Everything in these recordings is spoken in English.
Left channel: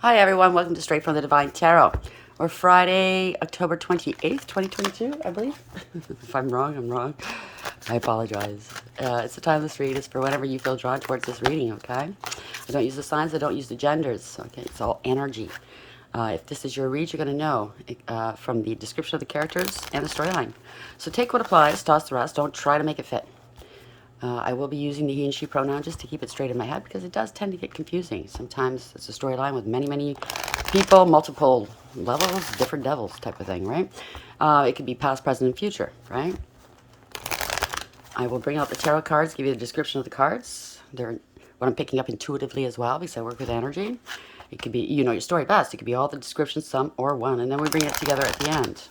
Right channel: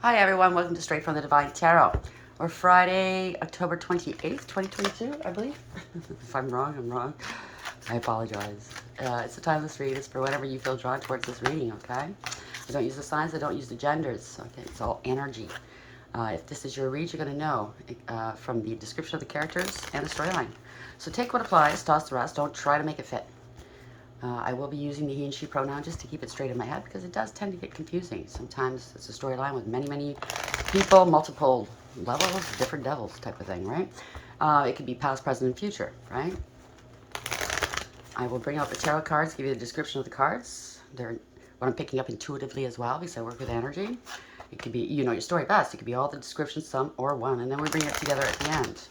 Hi everyone, welcome to Straight from the Divine Tarot. We're Friday, October 28th, 2022, I believe. If I'm wrong, I'm wrong. I apologize. It's the time this read is for whenever you feel drawn towards this reading, okay? I don't use the signs, I don't use the genders, okay? It's all energy. If this is your read, you're going to know from the description of the characters and the storyline. So take what applies, toss the rest, don't try to make it fit. I will be using the he and she pronoun just to keep it straight in my head because it does tend to get confusing. Sometimes it's a storyline with many people, multiple levels, different devils type of thing, right? It could be past, present, and future, right? I will bring out the tarot cards, give you the description of the cards. They're what I'm picking up intuitively as well because I work with energy. It could be, you know your story best. It could be all the descriptions, some or one, and then we bring it together at the end.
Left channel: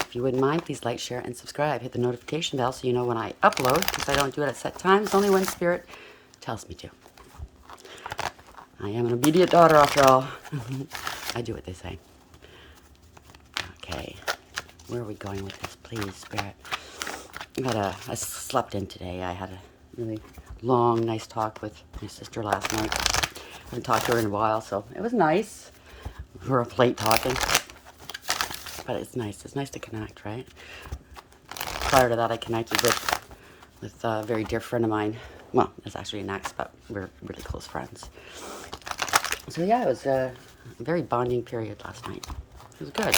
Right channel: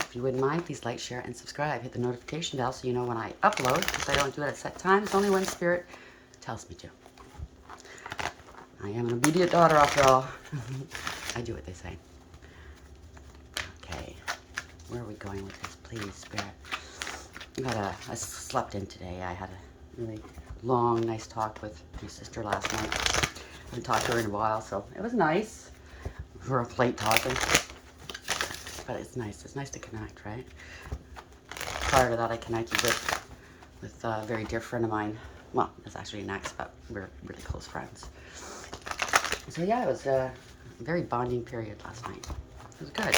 If you wouldn't mind, please like, share, and subscribe. Hit the notification bell so you know when I upload, because I don't do it at set times, only when Spirit tells me to. I am an obedient daughter, after all. I do what they say. Okay, where are we going with this, please, Spirit? I slept in today. I had a really long, nice talk with my sister last night. I haven't talked to her in a while, so it was nice. We're up late talking. But it's nice. It's nice to connect, right? Prior to that, I connected with a very dear friend of mine. Well, it's actually an ex, but we're really close friends. So yeah, it was a very bonding period last night. It was good.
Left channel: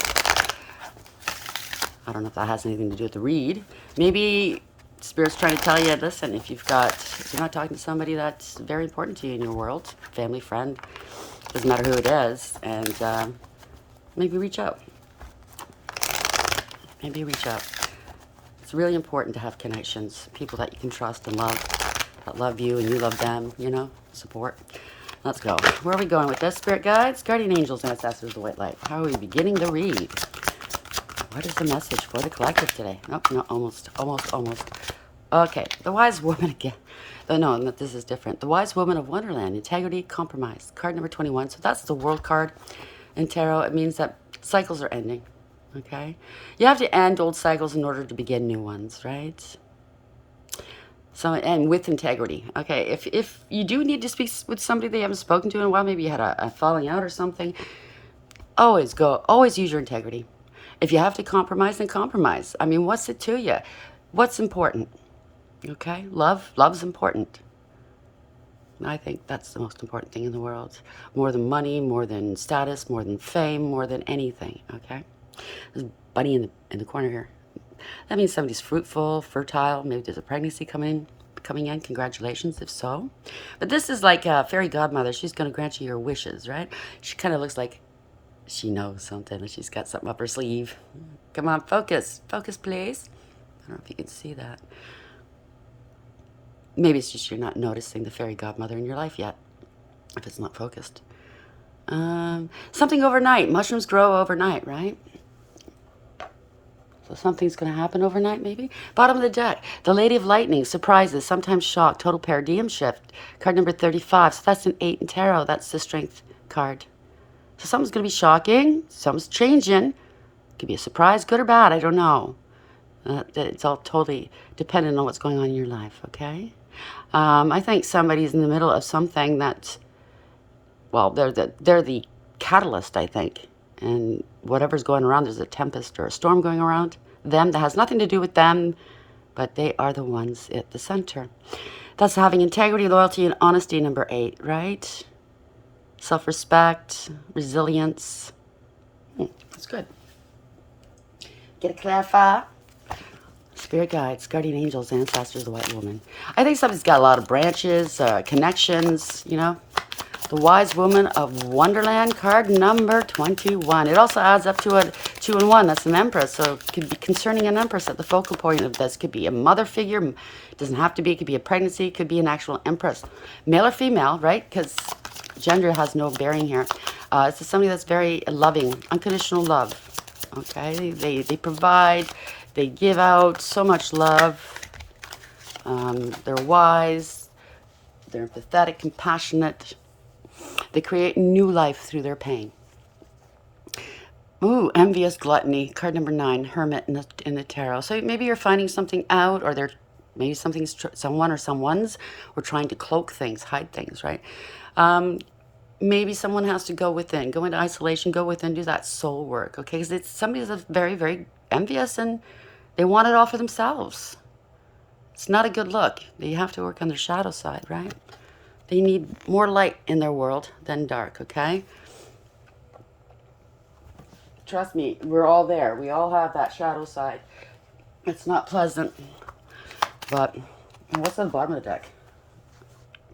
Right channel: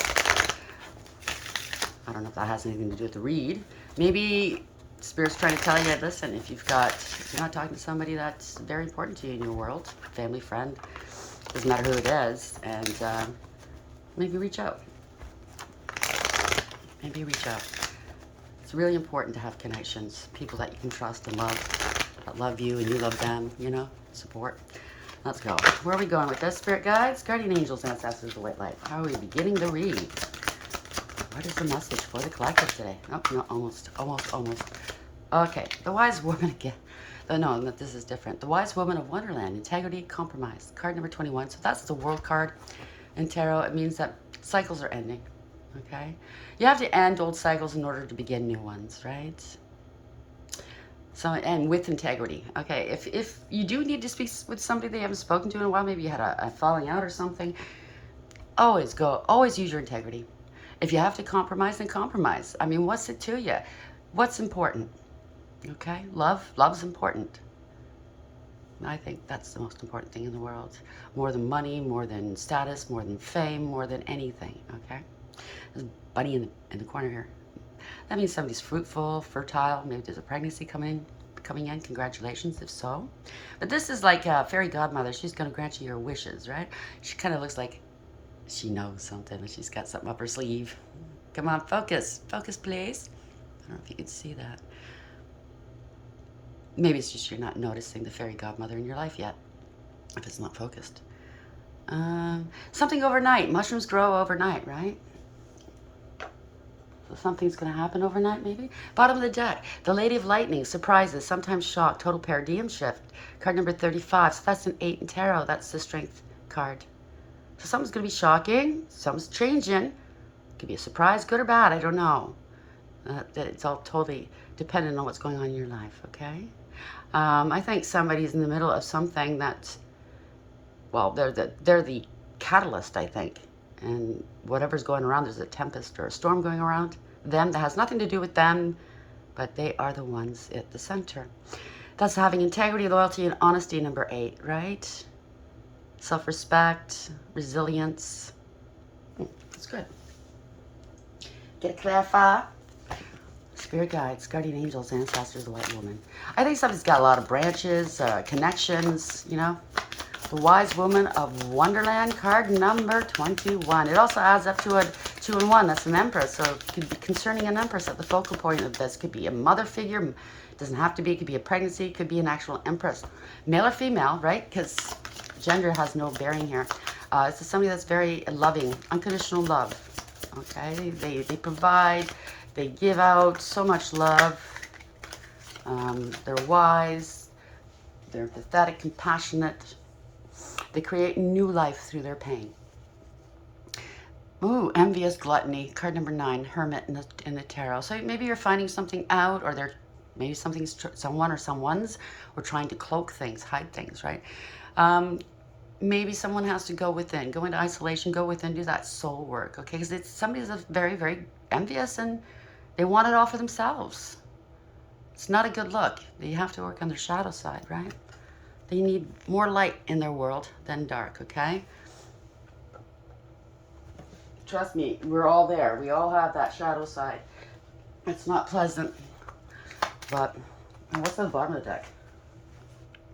I don't know if that has anything to do with the read. Maybe Spirit's trying to tell you, listen, if you're not talking to somebody that's very important to you in your world, family, friend, doesn't matter who it is, and maybe reach out. Maybe reach out. It's really important to have connections, people that you can trust and love, that love you and you love them, you know, support. Let's go. Where are we going with this, Spirit Guides? Guardian Angels, Ancestors, the White Light. How are we beginning to read? What is the message for the collective today? Nope, no, almost. Okay, the Wise Woman again. No, this is different. The Wise Woman of Wonderland, Integrity, Compromise. Card number 21. So that's the World card in Tarot. It means that cycles are ending. Okay? You have to end old cycles in order to begin new ones, right? So, and with integrity. Okay, if you do need to speak with somebody they haven't spoken to in a while, maybe you had a falling out or something, always use your integrity. If you have to compromise, then compromise. I mean, what's it to you? What's important? Okay, love's important. I think that's the most important thing in the world. More than money, more than status, more than fame, more than anything, okay? There's a bunny in the corner here. That means somebody's fruitful, fertile. Maybe there's a pregnancy coming in. Congratulations, if so. But this is like a fairy godmother. She's going to grant you your wishes, right? She kind of looks like she knows something and she's got something up her sleeve. Come on, focus. Focus, please. I don't know if you can see that. Maybe it's just you're not noticing the fairy godmother in your life yet, if it's not focused. Something overnight. Mushrooms grow overnight, right? So something's going to happen overnight, maybe. Bottom of the deck. The Lady of Lightning. Surprises. Sometimes shock. Total paradigm shift. Card number 35. So that's an 8 in tarot. That's the Strength card. So something's going to be shocking. Something's changing. Could be a surprise, good or bad. I don't know. It's all totally dependent on what's going on in your life, okay? I think somebody's in the middle of something that, well, they're the catalyst, I think. And whatever's going around, there's a tempest or a storm going around them that has nothing to do with them, but they are the ones at the center. That's having integrity, loyalty, and honesty, number 8, right? Self-respect, resilience. That's good. Get a clarify. Spirit guides, guardian angels, ancestors, the white woman. I think somebody's got a lot of branches, connections, you know. The Wise Woman of Wonderland, card number 21. It also adds up to a 2 and 1. That's an empress. So it could be concerning an empress at the focal point of this. Could be a mother figure. It doesn't have to be. It could be a pregnancy. It could be an actual empress. Male or female, right? Because gender has no bearing here. It's somebody that's very loving, unconditional love. Okay? They provide. They give out so much love. They're wise. They're empathetic, compassionate. They create new life through their pain. Ooh, envious gluttony. Card number 9, hermit in the tarot. So maybe you're finding something out, or maybe someone or someone's were trying to cloak things, hide things, right? maybe someone has to go within, go into isolation, go within, do that soul work, okay? Because it's somebody that's very, very envious and they want it all for themselves. It's not a good look. You have to work on their shadow side, right? They need more light in their world than dark, okay? Trust me, we're all there. We all have that shadow side. It's not pleasant, but what's on the bottom of the deck?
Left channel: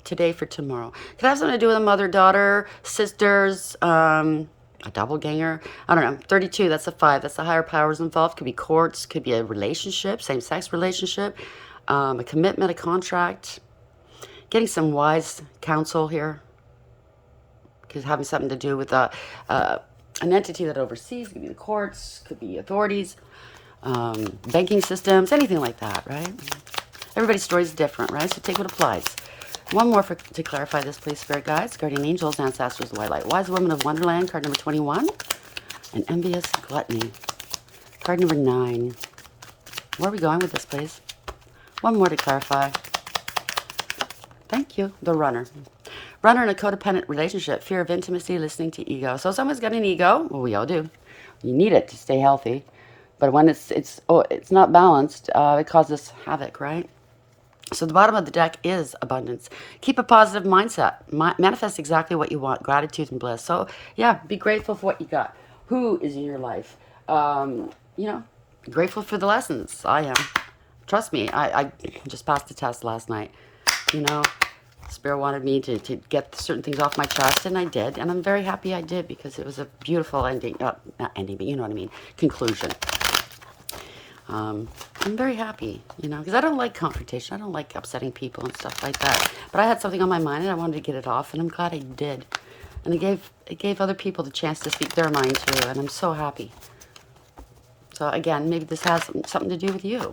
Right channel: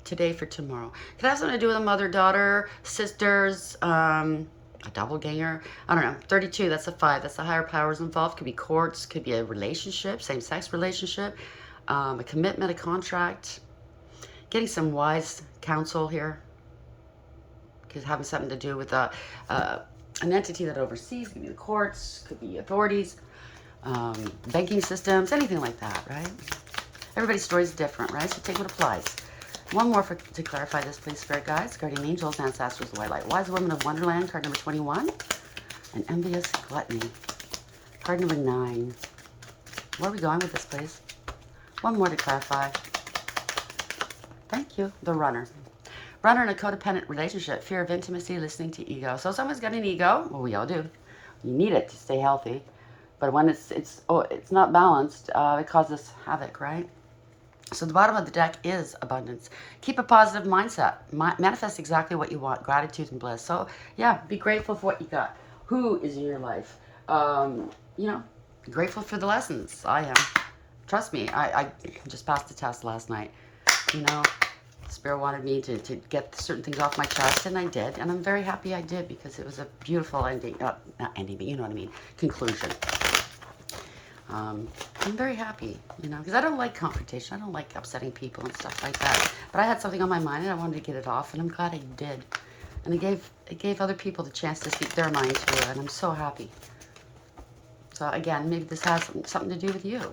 Today for tomorrow. Could have something to do with a mother, daughter, sisters, a doppelganger. I don't know. 32, that's a 5. That's the higher powers involved. Could be courts, could be a relationship, same-sex relationship, a commitment, a contract. Getting some wise counsel here. Could having something to do with an entity that oversees. Could be the courts, could be authorities, banking systems, anything like that, right? Everybody's story is different, right? So take what applies. One more to clarify this, please, Spirit Guides, Guardian Angels, Ancestors, the White Light. Wise Woman of Wonderland, card number 21. And Envious Gluttony, card number 9. Where are we going with this, please? One more to clarify. Thank you. The Runner. Runner in a codependent relationship, fear of intimacy, listening to ego. So someone's got an ego. Well, we all do. You need it to stay healthy. But when it's not balanced, it causes havoc, right? So the bottom of the deck is abundance. Keep a positive mindset. Manifest exactly what you want. Gratitude and bliss. So, yeah, be grateful for what you got. Who is in your life? Grateful for the lessons. I am. Trust me, I just passed the test last night. Spirit wanted me to get certain things off my chest, and I did. And I'm very happy I did because it was a beautiful ending. Not ending, but you know what I mean. Conclusion. I'm very happy, because I don't like confrontation. I don't like upsetting people and stuff like that. But I had something on my mind, and I wanted to get it off, and I'm glad I did. And it gave other people the chance to speak their mind too, and I'm so happy. So again, maybe this has something to do with you.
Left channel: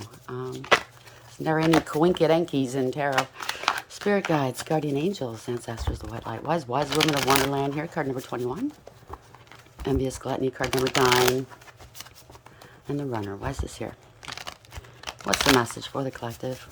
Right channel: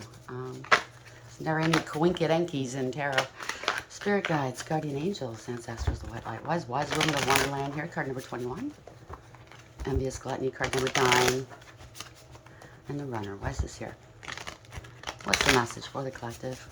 There are any coinky-dinkies in tarot. Spirit Guides, Guardian Angels, Ancestors, the White Light. Wise Woman of Wonderland here, card number 21. Envious Gluttony, card number 9. And the Runner. Why is this here? What's the message for the collective?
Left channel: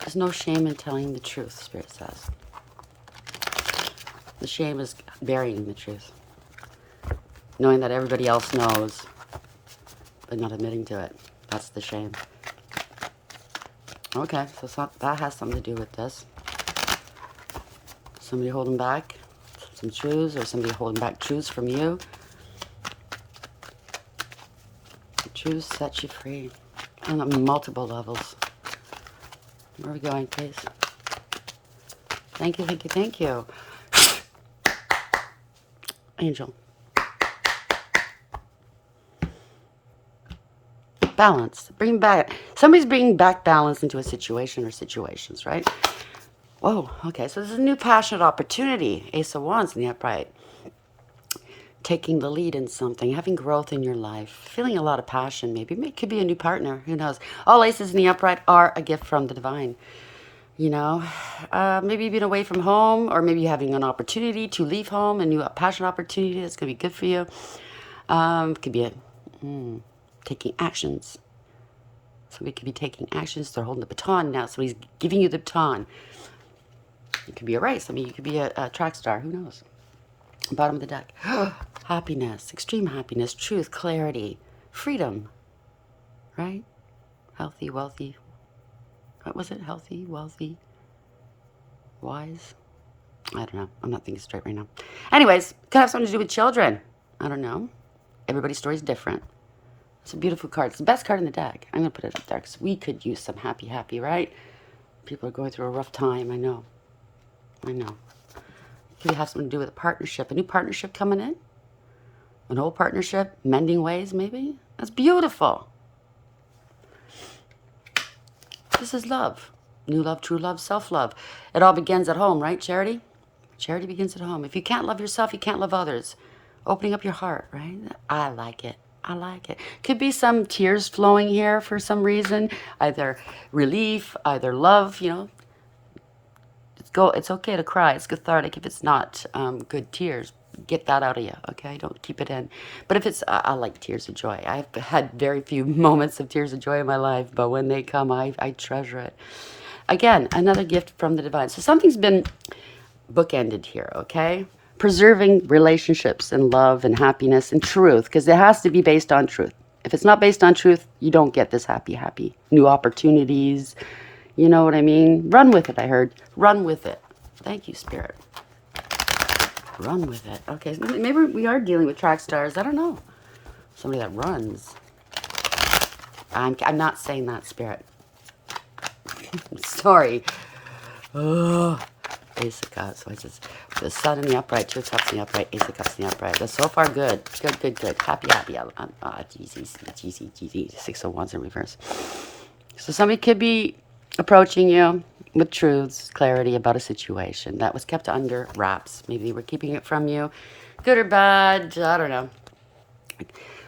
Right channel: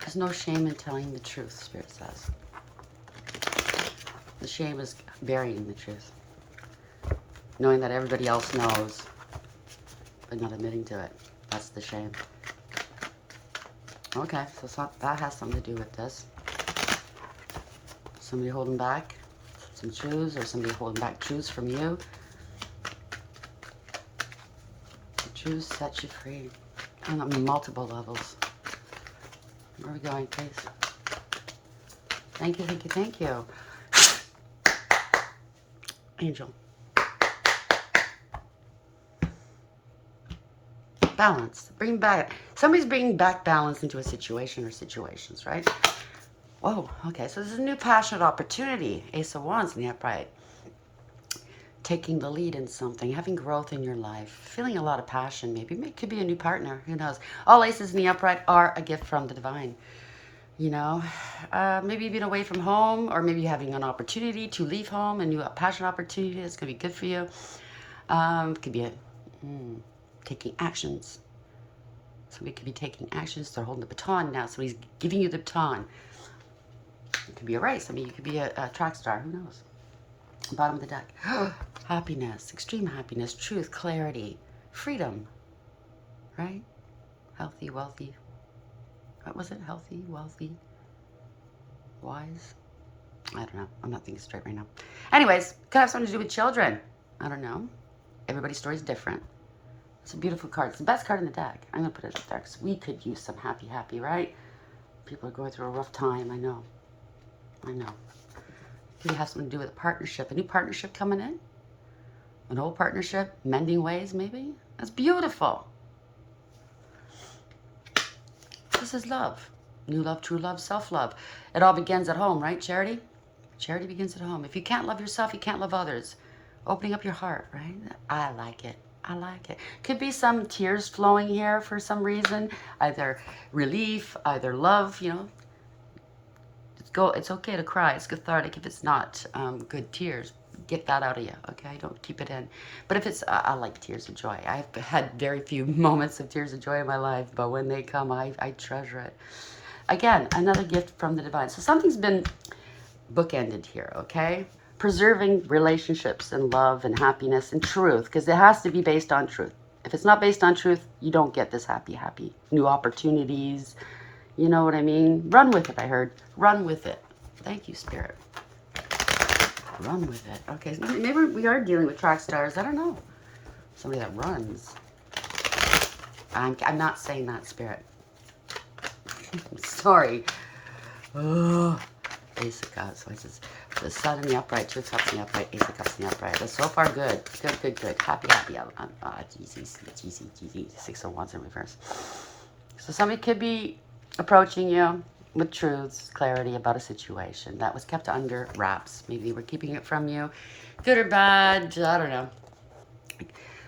There's no shame in telling the truth, Spirit says. The shame is burying the truth. Knowing that everybody else knows, but not admitting to it. That's the shame. Okay, so that has something to do with this. Somebody holding back some truths, or somebody holding back truths from you. The truth sets you free on multiple levels. Where are we going, please? Thank you, thank you, thank you. Angel. Balance. Bring back. Somebody's bringing back balance into a situation or situations, right? Whoa, okay. So this is a new passionate opportunity. Ace of Wands in the upright. Taking the lead in something. Having growth in your life. Feeling a lot of passion, maybe. It could be a new partner. Who knows? All aces in the upright are a gift from the divine. Maybe you've been away from home, or maybe you're having an opportunity to leave home, a new passion opportunity that's going to be good for you. It could be taking actions. Somebody could be taking actions. They're holding the baton now. Somebody's giving you the baton. It could be a race. I mean, you could be a track star. Who knows? Bottom of the deck. Happiness, extreme happiness, truth, clarity, freedom. Right? Healthy, wealthy. What was it? Healthy, wealthy, wise? I don't know. I'm not thinking straight right now. Anyways, could have something to do with children. I don't know. Everybody's story is different. It's a beautiful card. It's the best card in the deck. I'm going to put it up there because we could use some happy, right? People are going through a rough time. I know. Could have something to do with a partnership. A new partnership coming in? An old partnership? Mending ways, maybe? That's beautiful. This is love. New love, true love, self-love. It all begins at home, right, Charity? Charity begins at home. If you can't love yourself, you can't love others. Opening up your heart, right? I like it. Could be some tears flowing here for some reason. Either relief, either love, It's go. It's okay to cry. It's cathartic if it's not good tears. Get that out of you, okay? Don't keep it in. But if it's, I like tears of joy. I've had very few moments of tears of joy in my life, but when they come, I treasure it. Again, another gift from the divine. So something's been bookended here, okay? Preserving relationships and love and happiness and truth, because it has to be based on truth. If it's not based on truth, you don't get this happy. New opportunities, you know what I mean? Run with it, I heard. Run with it. Thank you, Spirit. Run with it. Okay, maybe we are dealing with track stars. I don't know. Somebody that runs. I'm not saying that, Spirit. Sorry. Ugh. Ace of Cups. What's this? The Sun in the upright, Two of Cups in the upright, Ace of Cups in the upright. That's so far good. Good. Happy. Easy. 6 of Wands in reverse. So somebody could be approaching you with truths, clarity about a situation that was kept under wraps. Maybe they were keeping it from you. Good or bad, I don't know.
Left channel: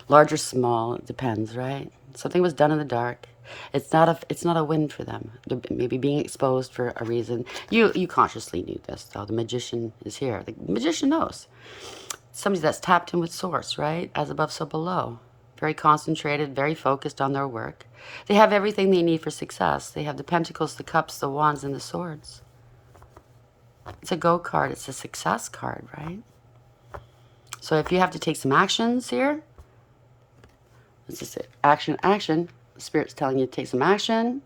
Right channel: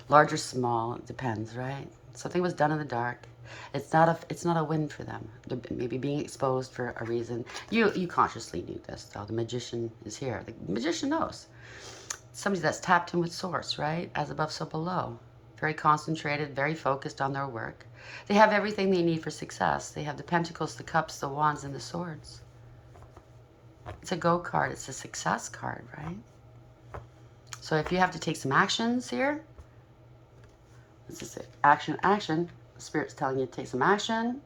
Large or small, it depends, right? Something was done in the dark. It's not a win for them. They're maybe being exposed for a reason. You consciously knew this, though. The magician is here. The magician knows. Somebody that's tapped in with source, right? As above, so below. Very concentrated, very focused on their work. They have everything they need for success. They have the pentacles, the cups, the wands, and the swords. It's a go card. It's a success card, right? So if you have to take some actions here, this is it. Action. The Spirit's telling you to take some action.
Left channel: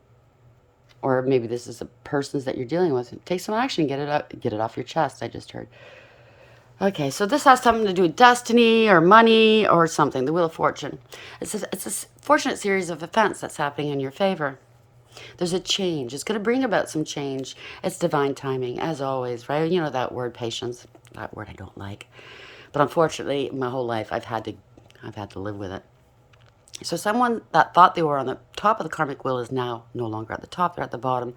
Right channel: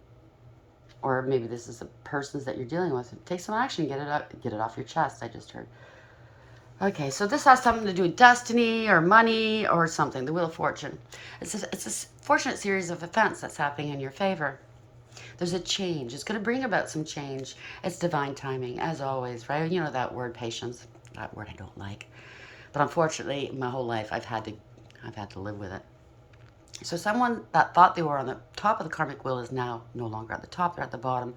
Or maybe this is the persons that you're dealing with. Take some action. Get it off your chest, I just heard. Okay, so this has something to do with destiny or money or something. The Wheel of Fortune. It's a fortunate series of events that's happening in your favor. There's a change. It's going to bring about some change. It's divine timing, as always, right? You know that word, patience. That word I don't like. But unfortunately, my whole life, I've had to live with it. So someone that thought they were on the top of the karmic wheel is now no longer at the top. They're at the bottom.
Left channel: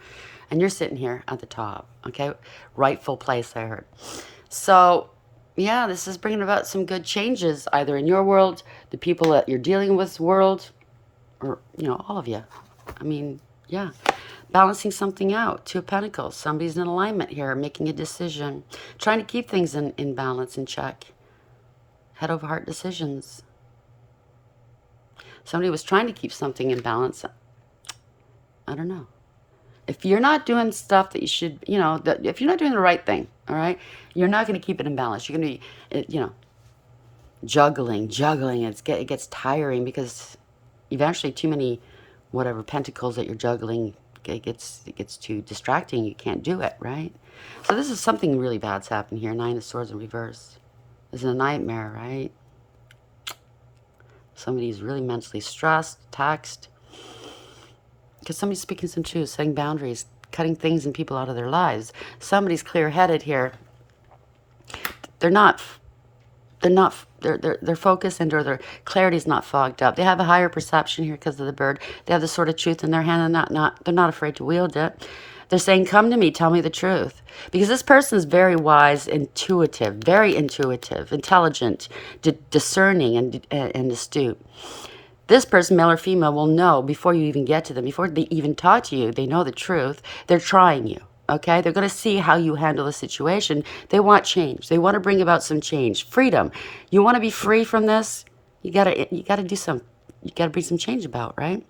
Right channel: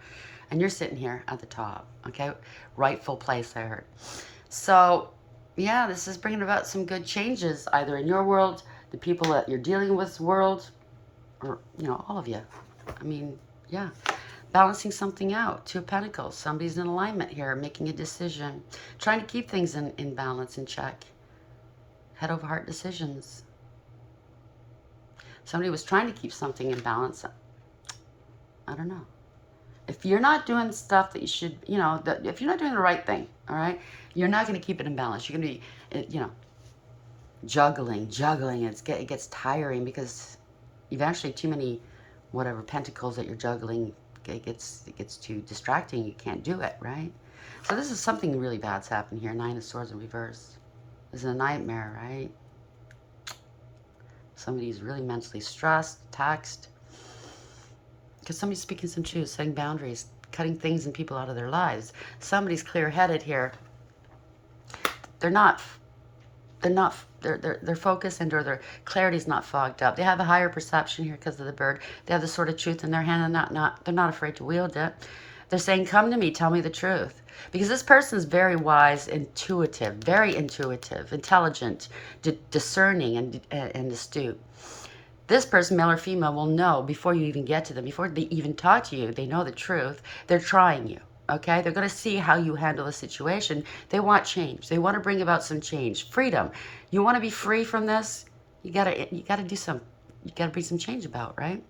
And you're sitting here at the top, okay? Rightful place, I heard. So, yeah, this is bringing about some good changes, either in your world, the people that you're dealing with world, or, you know, all of you. I mean, yeah. Balancing something out. Two of Pentacles. Somebody's in alignment here, making a decision. Trying to keep things in balance, in check. Head over heart decisions. Somebody was trying to keep something in balance. I don't know. If you're not doing stuff that you should, you know, if you're not doing the right thing, all right, you're not going to keep it in balance. You're going to be, you know, juggling. It gets tiring because eventually too many, whatever, pentacles that you're juggling, it gets too distracting. You can't do it, right? So this is something really bad's happened here. 9 of Swords in reverse. This is a nightmare, right? Somebody's really mentally stressed, taxed. Because somebody's speaking some truth, setting boundaries, cutting things and people out of their lives. Somebody's clear-headed here. Their focus and or their clarity is not fogged up. They have a higher perception here because of the bird. They have the sword of truth in their hand and they're not afraid to wield it. They're saying, come to me, tell me the truth. Because this person is very wise, very intuitive, intelligent, discerning, and astute. This person, male or female, will know before you even get to them, before they even talk to you, they know the truth. They're trying you, okay? They're going to see how you handle the situation. They want change. They want to bring about some change. Freedom. You want to be free from this? You got to bring some change about, right?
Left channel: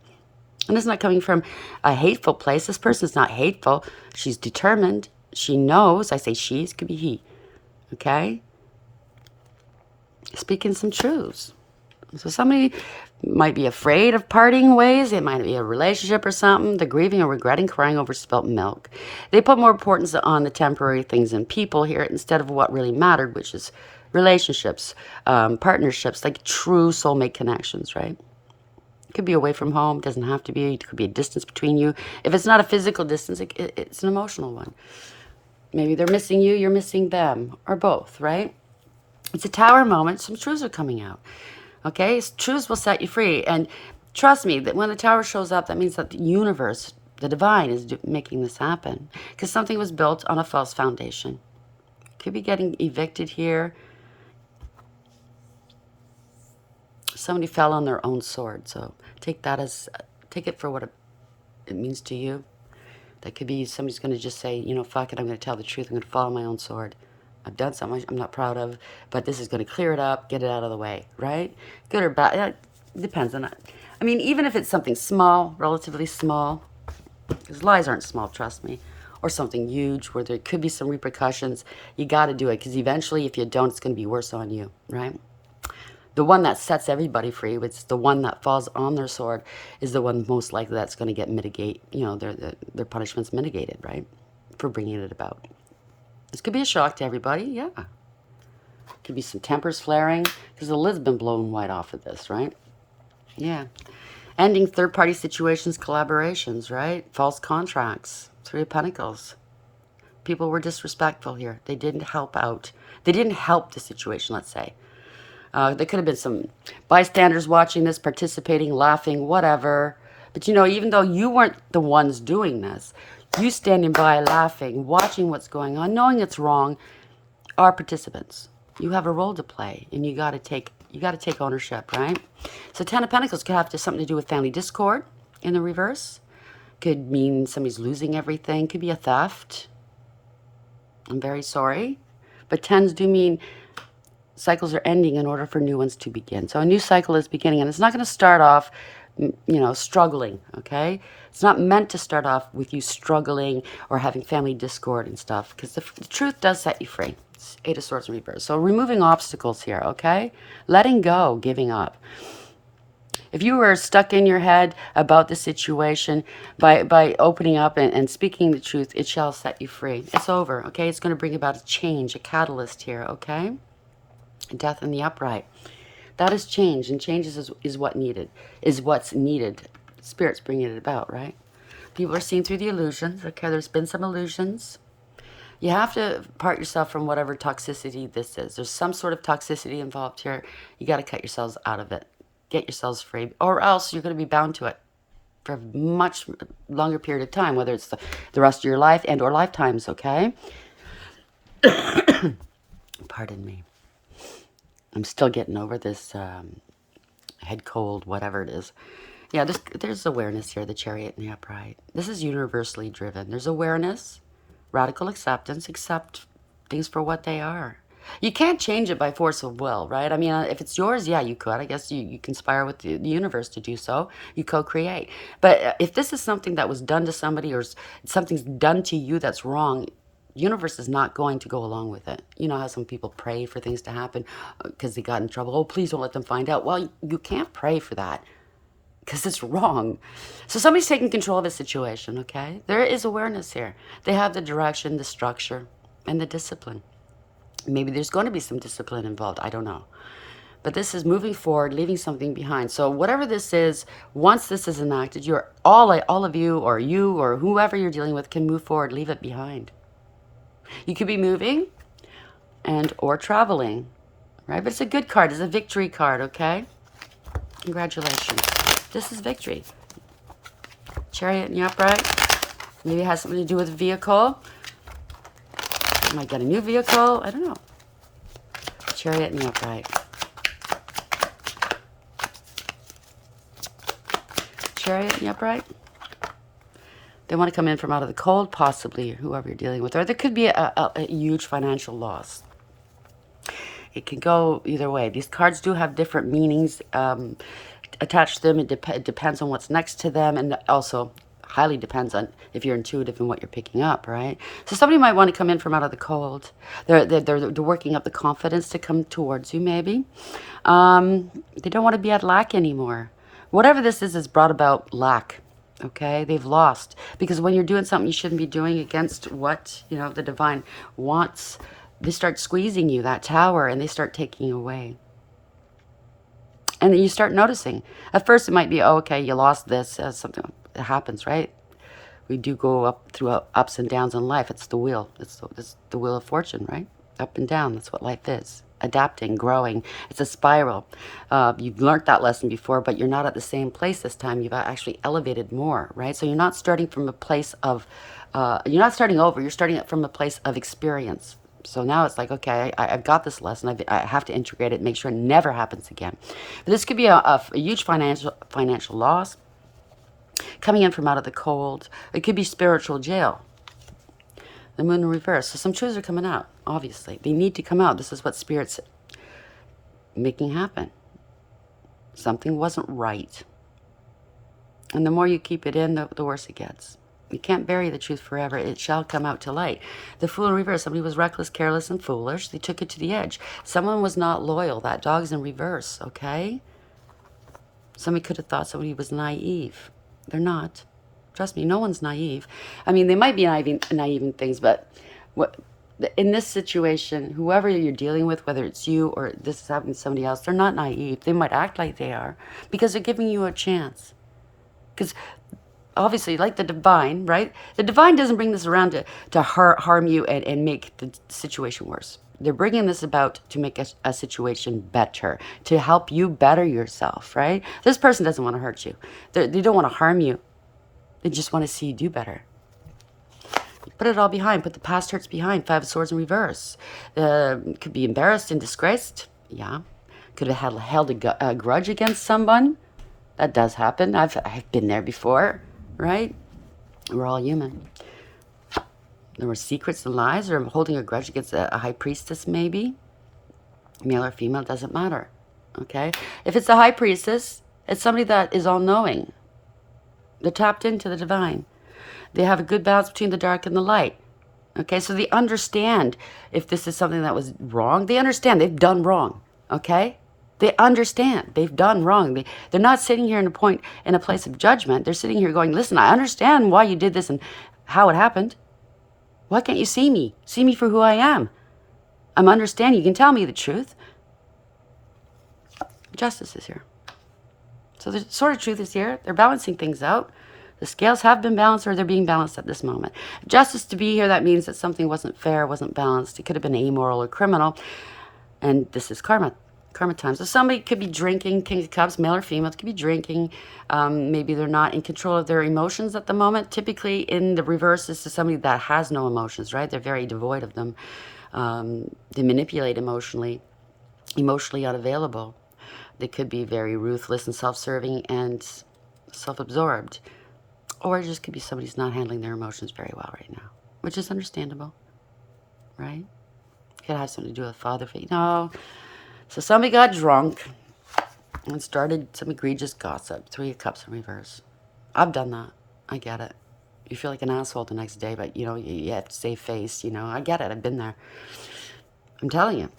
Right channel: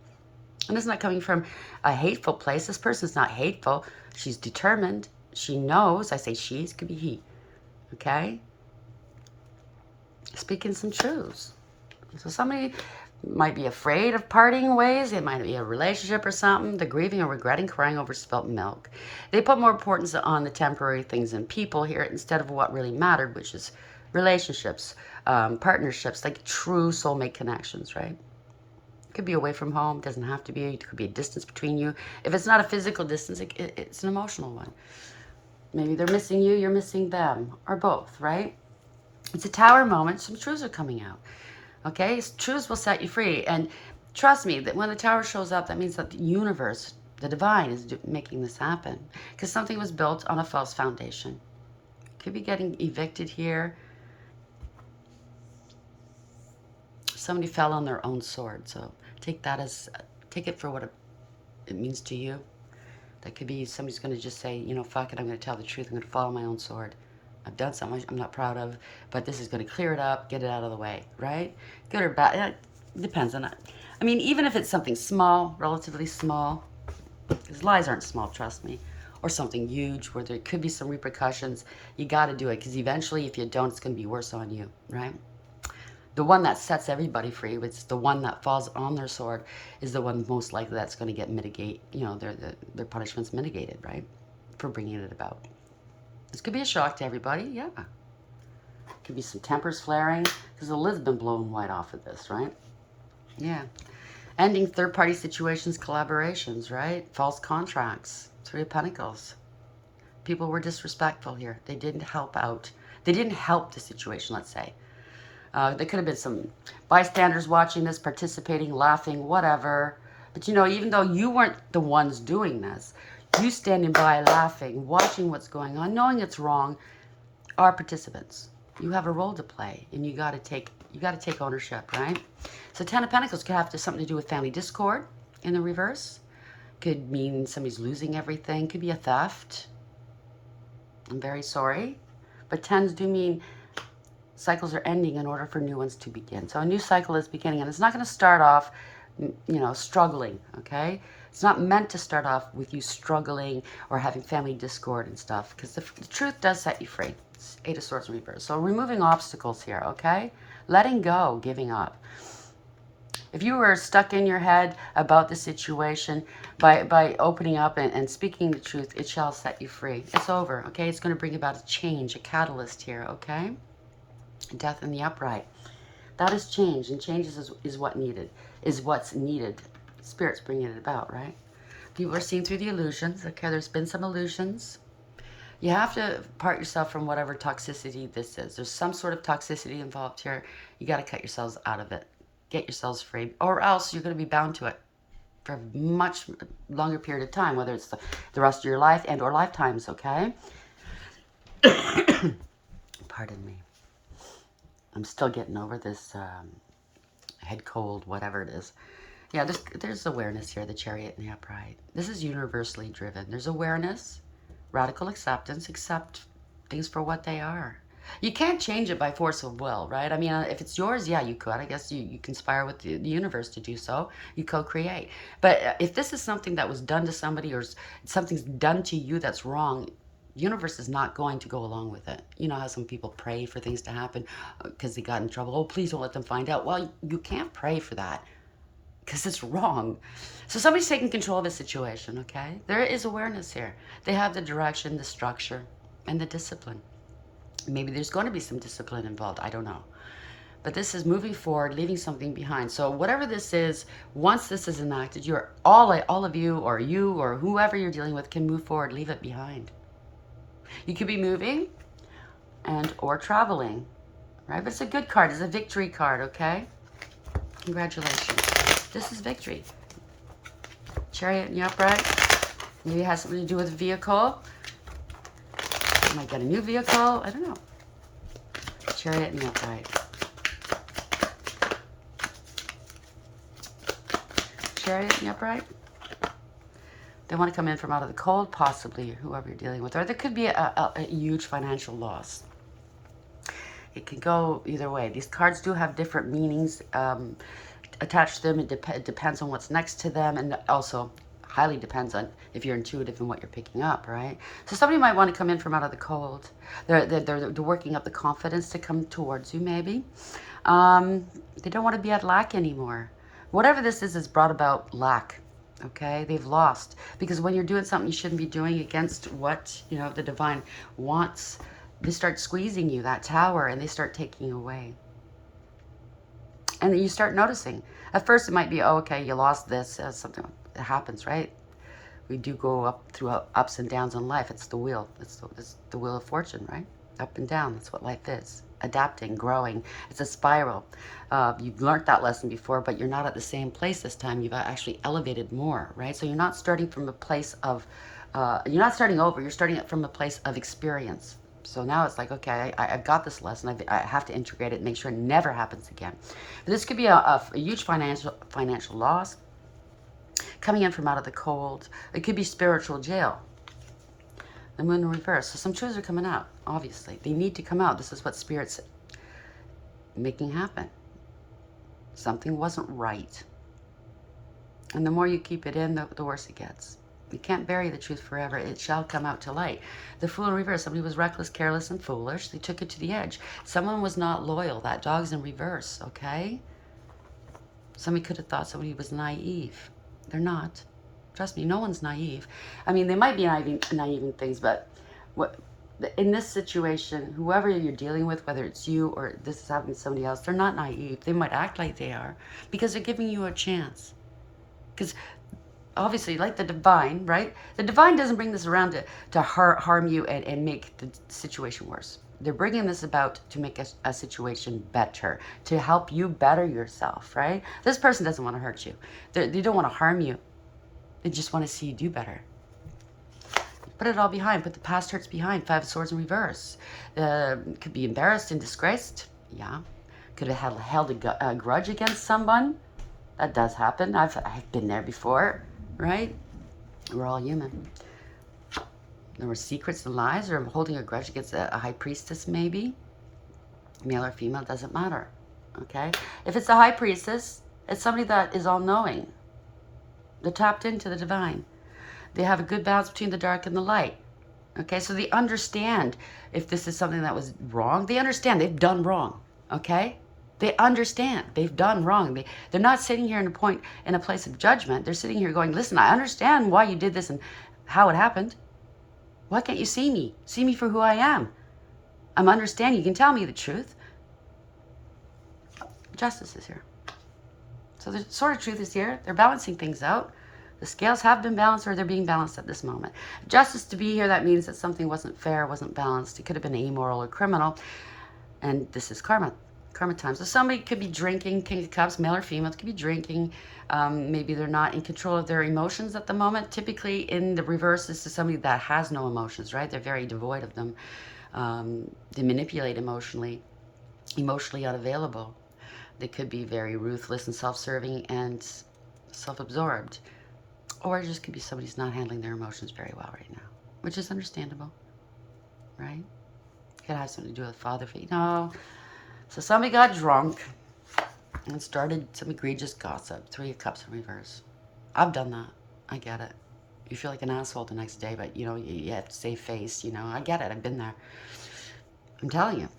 And it's not coming from a hateful place. This person's not hateful. She's determined. She knows. I say she's, could be he. Okay? Speaking some truths. So somebody might be afraid of parting ways. It might be a relationship or something. They're grieving or regretting, crying over spilt milk. They put more importance on the temporary things and people here instead of what really mattered, which is relationships, partnerships, like true soulmate connections, right? Could be away from home. Doesn't have to be. It could be a distance between you. If it's not a physical distance, it's an emotional one. Maybe they're missing you, you're missing them, or both, right? It's a tower moment. Some truths are coming out. Okay? Truths will set you free. And trust me, that when the tower shows up, that means that the universe, the divine, is making this happen. Because something was built on a false foundation. Could be getting evicted here. Somebody fell on their own sword, so take it for what it means to you. That could be somebody's going to just say, you know, fuck it, I'm going to tell the truth. I'm going to follow my own sword. I've done something I'm not proud of, but this is going to clear it up, get it out of the way, right? Good or bad, it depends on that. I mean, even if it's something small, relatively small, because lies aren't small, trust me, or something huge where there could be some repercussions, you got to do it, because eventually if you don't, it's going to be worse on you, right? The one that sets everybody free, which is the one that falls on their sword, is the one most likely that's going to get their punishment's mitigated, right? For bringing it about. This could be a shock to everybody, yeah. Could be some tempers flaring, because the lid's been blown wide off of this, right? Yeah. Ending third-party situations, collaborations, right? False contracts. Three of Pentacles. People were disrespectful here. They didn't help out. They didn't help the situation, let's say. There could have been some bystanders watching this, participating, laughing, whatever. But, you know, even though you weren't the ones doing this, you standing by, laughing, watching what's going on, knowing it's wrong, are participants. You have a role to play, and you got to take ownership, right? So 10 of Pentacles could have something to do with family discord in the reverse. Could mean somebody's losing everything. Could be a theft. I'm very sorry. But 10s do mean cycles are ending in order for new ones to begin. So a new cycle is beginning, and it's not going to start off, you know, struggling, okay? It's not meant to start off with you struggling or having family discord and stuff, because the truth does set you free. It's 8 of Swords in reverse. So removing obstacles here, okay? Letting go, giving up. If you were stuck in your head about the situation, by opening up and speaking the truth, it shall set you free. It's over, okay? It's going to bring about a change, a catalyst here, okay? Death in the upright. That is change, and change is what's needed. Spirit's bringing it about, right? People are seeing through the illusions. Okay, there's been some illusions. You have to part yourself from whatever toxicity this is. There's some sort of toxicity involved here. You got to cut yourselves out of it. Get yourselves free, or else you're going to be bound to it for a much longer period of time, whether it's the rest of your life and or lifetimes, okay? Pardon me. I'm still getting over this head cold, whatever it is. Yeah, there's awareness here, the Chariot and the Upright. This is universally driven. There's awareness, radical acceptance, accept things for what they are. You can't change it by force of will, right? I mean, if it's yours, yeah, you could. I guess you conspire with the universe to do so. You co-create. But if this is something that was done to somebody, or something's done to you that's wrong, universe is not going to go along with it. You know how some people pray for things to happen because they got in trouble. Oh, please don't let them find out. Well, you can't pray for that because it's wrong. So somebody's taking control of the situation, okay? There is awareness here. They have the direction, the structure, and the discipline. Maybe there's going to be some discipline involved. I don't know. But this is moving forward, leaving something behind. So whatever this is, once this is enacted, you're all of you or whoever you're dealing with can move forward, leave it behind. You could be moving or traveling, right? But it's a good card. It's a victory card, okay? Congratulations. This is victory. Chariot and the Upright. Maybe it has something to do with a vehicle. You might get a new vehicle. I don't know. Chariot and the Upright. Chariot and the Upright. They want to come in from out of the cold, possibly, whoever you're dealing with. Or there could be a huge financial loss. It can go either way. These cards do have different meanings attached to them. It depends on what's next to them, and also highly depends on if you're intuitive in what you're picking up, right? So somebody might want to come in from out of the cold. They're working up the confidence to come towards you, maybe. They don't want to be at lack anymore. Whatever this is brought about lack. Okay, they've lost, because when you're doing something you shouldn't be doing against what, you know, the divine wants, they start squeezing you, that tower, and they start taking away. And then you start noticing. At first it might be, oh, okay, you lost this, something that happens, right? We do go up through ups and downs in life. It's the wheel. It's the wheel of fortune, right? Up and down. That's what life is. Adapting, growing. It's a spiral. You've learned that lesson before, but you're not at the same place this time. You've actually elevated more, right? So you're not starting from a place of, you're not starting over. You're starting from a place of experience. So now it's like, okay, I've got this lesson. I have to integrate it, make sure it never happens again. But this could be a huge financial loss. coming in from out of the cold. It could be spiritual jail. The moon in reverse. So some truths are coming out, obviously. They need to come out. This is what Spirit's making happen. Something wasn't right. And the more you keep it in, the worse it gets. You can't bury the truth forever. It shall come out to light. The Fool in reverse. Somebody was reckless, careless, and foolish. They took it to the edge. Someone was not loyal. That dog's in reverse, okay? Somebody could have thought somebody was naive. They're not. Trust me, no one's naive. I mean, they might be naive in things, but in this situation, whoever you're dealing with, whether it's you or this is happening to somebody else, they're not naive. They might act like they are because they're giving you a chance. Because obviously, like the divine, right? The divine doesn't bring this around to harm you and make the situation worse. They're bringing this about to make a situation better, to help you better yourself, right? This person doesn't want to hurt you. They don't want to harm you. They just want to see you do better. Put it all behind. Put the past hurts behind. 5 of Swords in reverse. Could be embarrassed and disgraced. Yeah. Could have held a grudge against someone. That does happen. I've been there before, right? We're all human. There were secrets and lies, or holding a grudge against a high priestess, maybe. Male or female, doesn't matter. Okay? If it's a high priestess, it's somebody that is all-knowing. They're tapped into the divine. They have a good balance between the dark and the light. Okay, so they understand if this is something that was wrong. They understand they've done wrong. Okay? They understand they've done wrong. They're not sitting here in a place of judgment. They're sitting here going, listen, I understand why you did this and how it happened. Why can't you see me? See me for who I am. I'm understanding. You can tell me the truth. Justice is here. So the sword of truth is here. They're balancing things out. The scales have been balanced, or they're being balanced at this moment. Justice to be here, that means that something wasn't fair, wasn't balanced. It could have been amoral or criminal. And this is karma. Karma time. So somebody could be drinking, King of Cups, male or female, could be drinking. Maybe they're not in control of their emotions at the moment. Typically in the reverse, this is somebody that has no emotions, right? They're very devoid of them. They manipulate emotionally unavailable. They could be very ruthless and self-serving and self-absorbed. Or it just could be somebody who's not handling their emotions very well right now, which is understandable, right? It could have something to do with father figure. No. So somebody got drunk and started some egregious gossip. 3 of Cups in reverse. I've done that. I get it. You feel like an asshole the next day, but, you know, you have to save face, you know. I get it. I've been there. I'm telling you.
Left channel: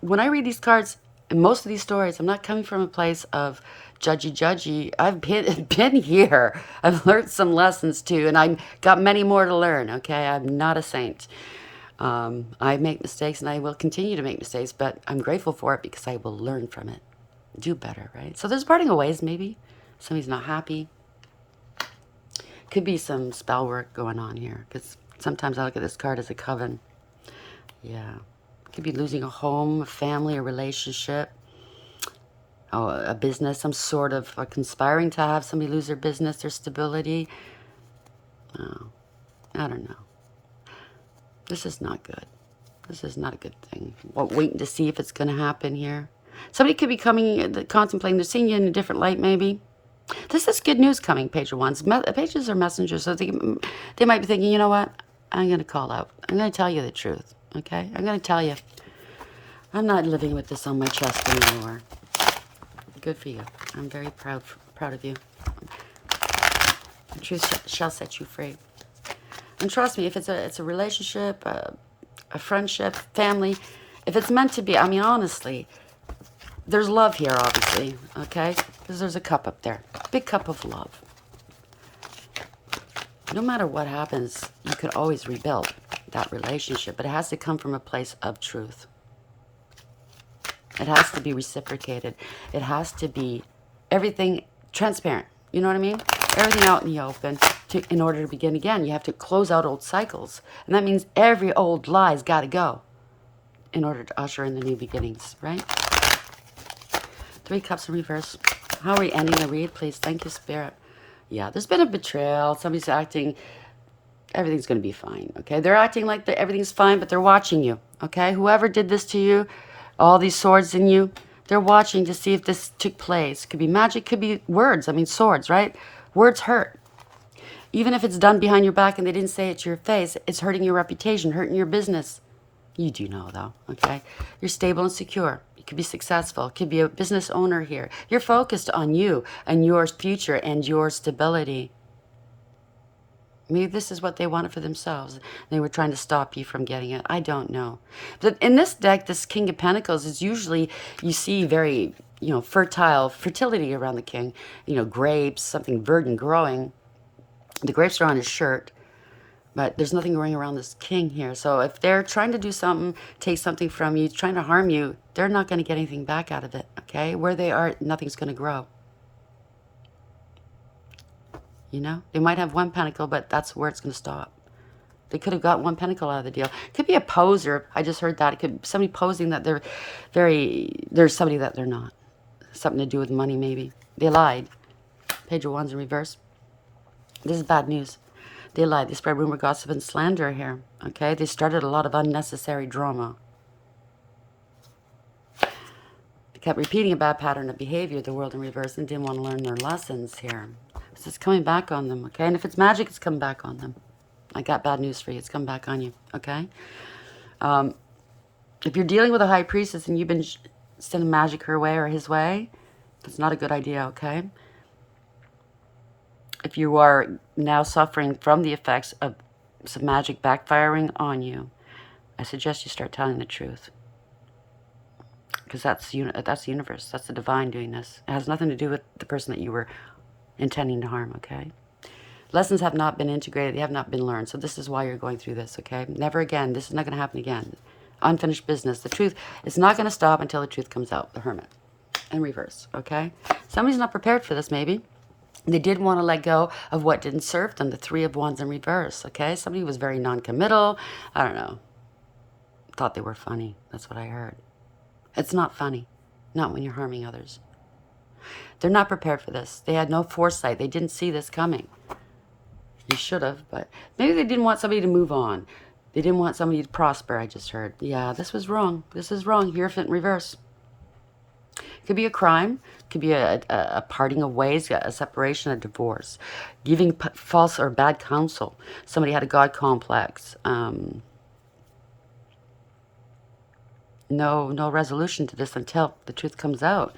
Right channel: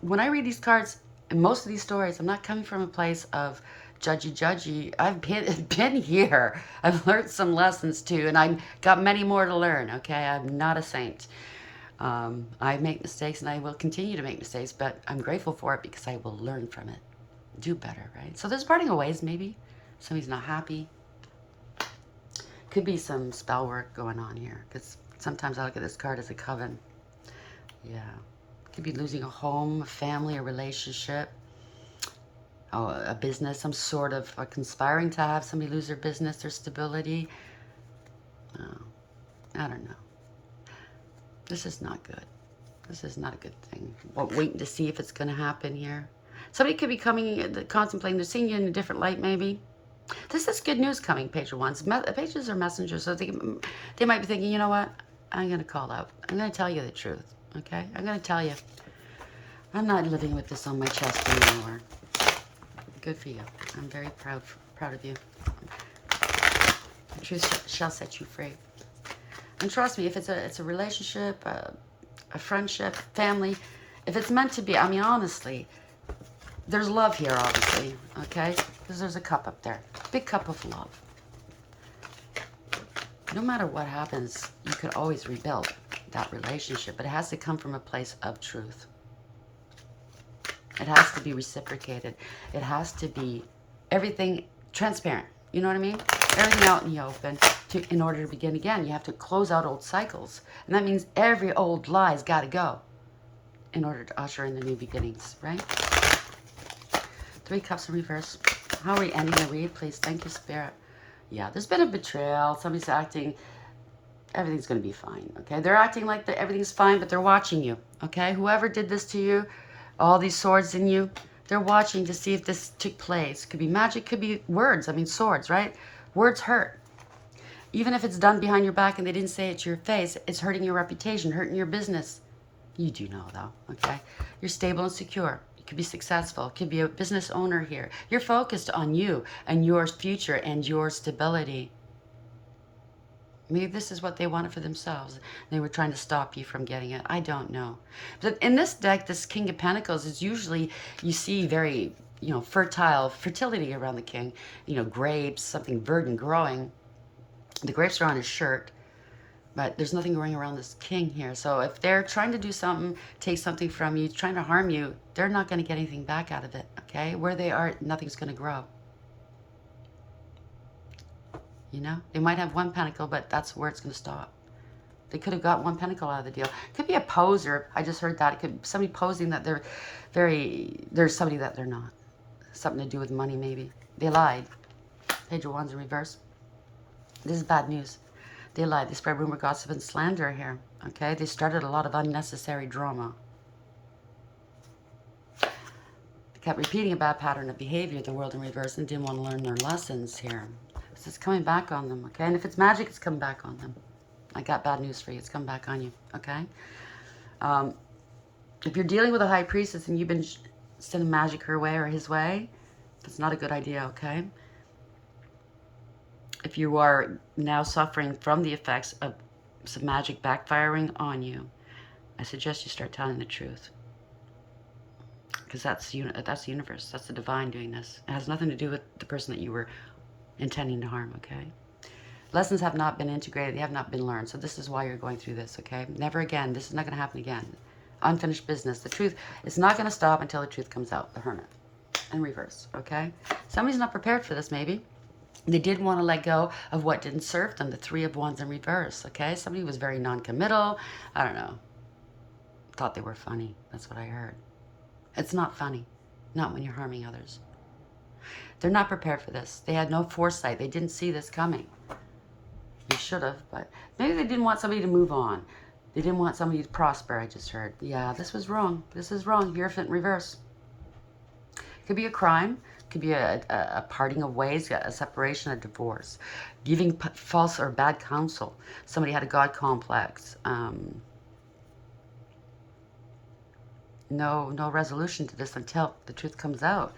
When I read these cards, in most of these stories, I'm not coming from a place of judgy. I've been here. I've learned some lessons too, and I've got many more to learn, okay? I'm not a saint. I make mistakes, and I will continue to make mistakes, but I'm grateful for it because I will learn from it. Do better, right? So there's parting of ways, maybe. Somebody's not happy. Could be some spell work going on here, because sometimes I look at this card as a coven. Yeah. Could be losing a home, a family, a relationship, a business, some sort of conspiring to have somebody lose their business, their stability. Oh, I don't know. This is not good. This is not a good thing. Waiting to see if it's going to happen here. Somebody could be contemplating, they're seeing you in a different light, maybe. This is good news coming, Page of Wands. Pages are messengers, so they might be thinking, you know what? I'm going to call out. I'm going to tell you the truth, okay? I'm going to tell you. I'm not living with this on my chest anymore. Good for you. I'm very proud of you. The truth shall set you free. And trust me, if it's a relationship, a friendship, family, if it's meant to be, I mean, honestly, there's love here, obviously, okay? Because there's a cup up there. Big cup of love. No matter what happens, you can always rebuild that relationship, but it has to come from a place of truth. It has to be reciprocated. It has to be everything transparent. You know what I mean? Everything out in the open. In order to begin again, you have to close out old cycles. And that means every old lie's got to go in order to usher in the new beginnings, right? 3 Cups in reverse. How are we ending the read, please? Thank you, Spirit. Yeah, there's been a betrayal. Somebody's acting, everything's going to be fine, okay? They're acting like everything's fine, but they're watching you, okay? Whoever did this to you, all these swords in you, they're watching to see if this took place. Could be magic, could be words. I mean, swords, right? Words hurt. Even if it's done behind your back and they didn't say it to your face, it's hurting your reputation, hurting your business. You do know, though, okay? You're stable and secure. You could be successful. Could be a business owner here. You're focused on you and your future and your stability. Maybe this is what they wanted for themselves. They were trying to stop you from getting it. I don't know. But in this deck, this King of Pentacles is usually, you see very, fertility around the king. Grapes, something verdant growing. The grapes are on his shirt, but there's nothing growing around this king here. So if they're trying to do something, take something from you, trying to harm you, they're not going to get anything back out of it, okay? Where they are, nothing's going to grow. They might have one pentacle, but that's where it's going to stop. They could have got one pentacle out of the deal. Could be a poser. I just heard that. It could be somebody posing that there's somebody that they're not. Something to do with money, maybe. They lied. Page of Wands in reverse. This is bad news. They lied. They spread rumor, gossip, and slander here. Okay? They started a lot of unnecessary drama. They kept repeating a bad pattern of behavior, the world in reverse, and didn't want to learn their lessons here. This is coming back on them, okay? And if it's magic, it's coming back on them. I got bad news for you. It's coming back on you, okay? If you're dealing with a high priestess and you've been sending magic her way or his way, it's not a good idea, okay? If you are now suffering from the effects of some magic backfiring on you, I suggest you start telling the truth. Because that's the universe. That's the divine doing this. It has nothing to do with the person that you were intending to harm, okay? Lessons have not been integrated. They have not been learned. So this is why you're going through this, okay? Never again. This is not going to happen again. Unfinished business. The truth is not going to stop until the truth comes out. The Hermit. In reverse, okay? Somebody's not prepared for this, maybe. They did want to let go of what didn't serve them. The Three of Wands in reverse, okay? Somebody was very non-committal. I don't know. Thought they were funny. That's what I heard. It's not funny. Not when you're harming others. They're not prepared for this. They had no foresight. They didn't see this coming. You should have, but maybe they didn't want somebody to move on. They didn't want somebody to prosper, I just heard. Yeah, this was wrong. This is wrong. Hierophant in reverse. Could be a crime. Could be a parting of ways, a separation, a divorce. Giving false or bad counsel. Somebody had a God complex. No resolution to this until the truth comes out.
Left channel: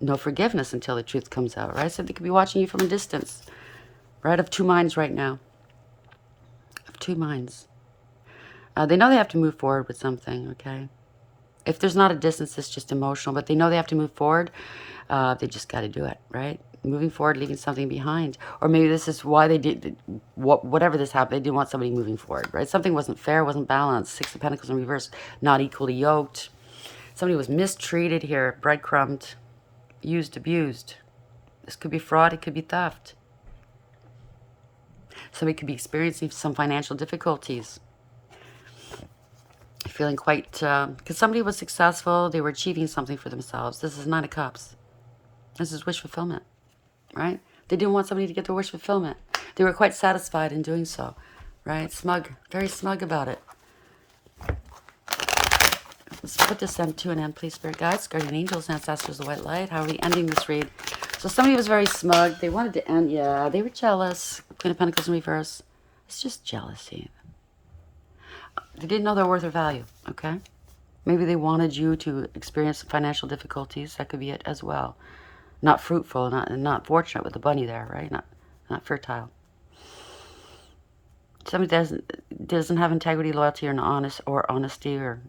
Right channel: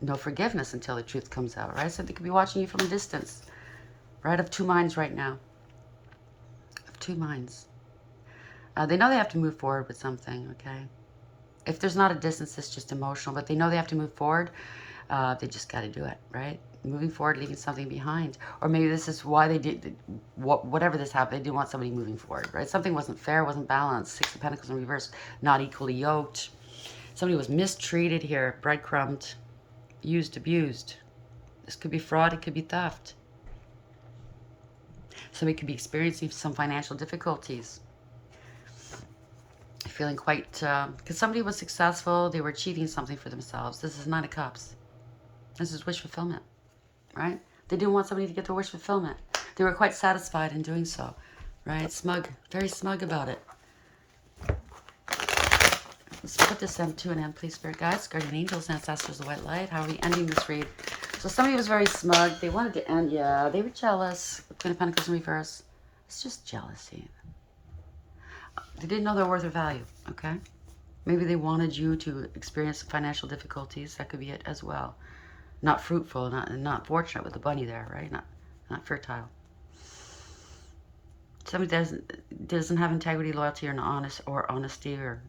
No forgiveness until the truth comes out, right? So they could be watching you from a distance. Right, of two minds right now. Of two minds. They know they have to move forward with something, okay? If there's not a distance, it's just emotional, but they know they have to move forward. They just got to do it, right? Moving forward, leaving something behind. Or maybe this is why they did, whatever this happened, they didn't want somebody moving forward, right? Something wasn't fair, wasn't balanced. Six of Pentacles in reverse, not equally yoked. Somebody was mistreated here, breadcrumbed, used, abused. This could be fraud, it could be theft. Somebody could be experiencing some financial difficulties. Feeling quite, because somebody was successful, they were achieving something for themselves. This is Nine of Cups. This is wish fulfillment, right? They didn't want somebody to get their wish fulfillment. They were quite satisfied in doing so, right? Smug, very smug about it. Let's put this to an end, please, Spirit Guides, Guardian Angels, Ancestors of White Light. How are we ending this read? So somebody was very smug. They wanted to end, yeah, they were jealous. Queen of Pentacles in reverse. It's just jealousy. They didn't know their worth or value, okay? Maybe they wanted you to experience financial difficulties. That could be it as well. Not fruitful, not fortunate with the bunny there, right? Not fertile. Somebody doesn't have integrity, loyalty, or honesty, or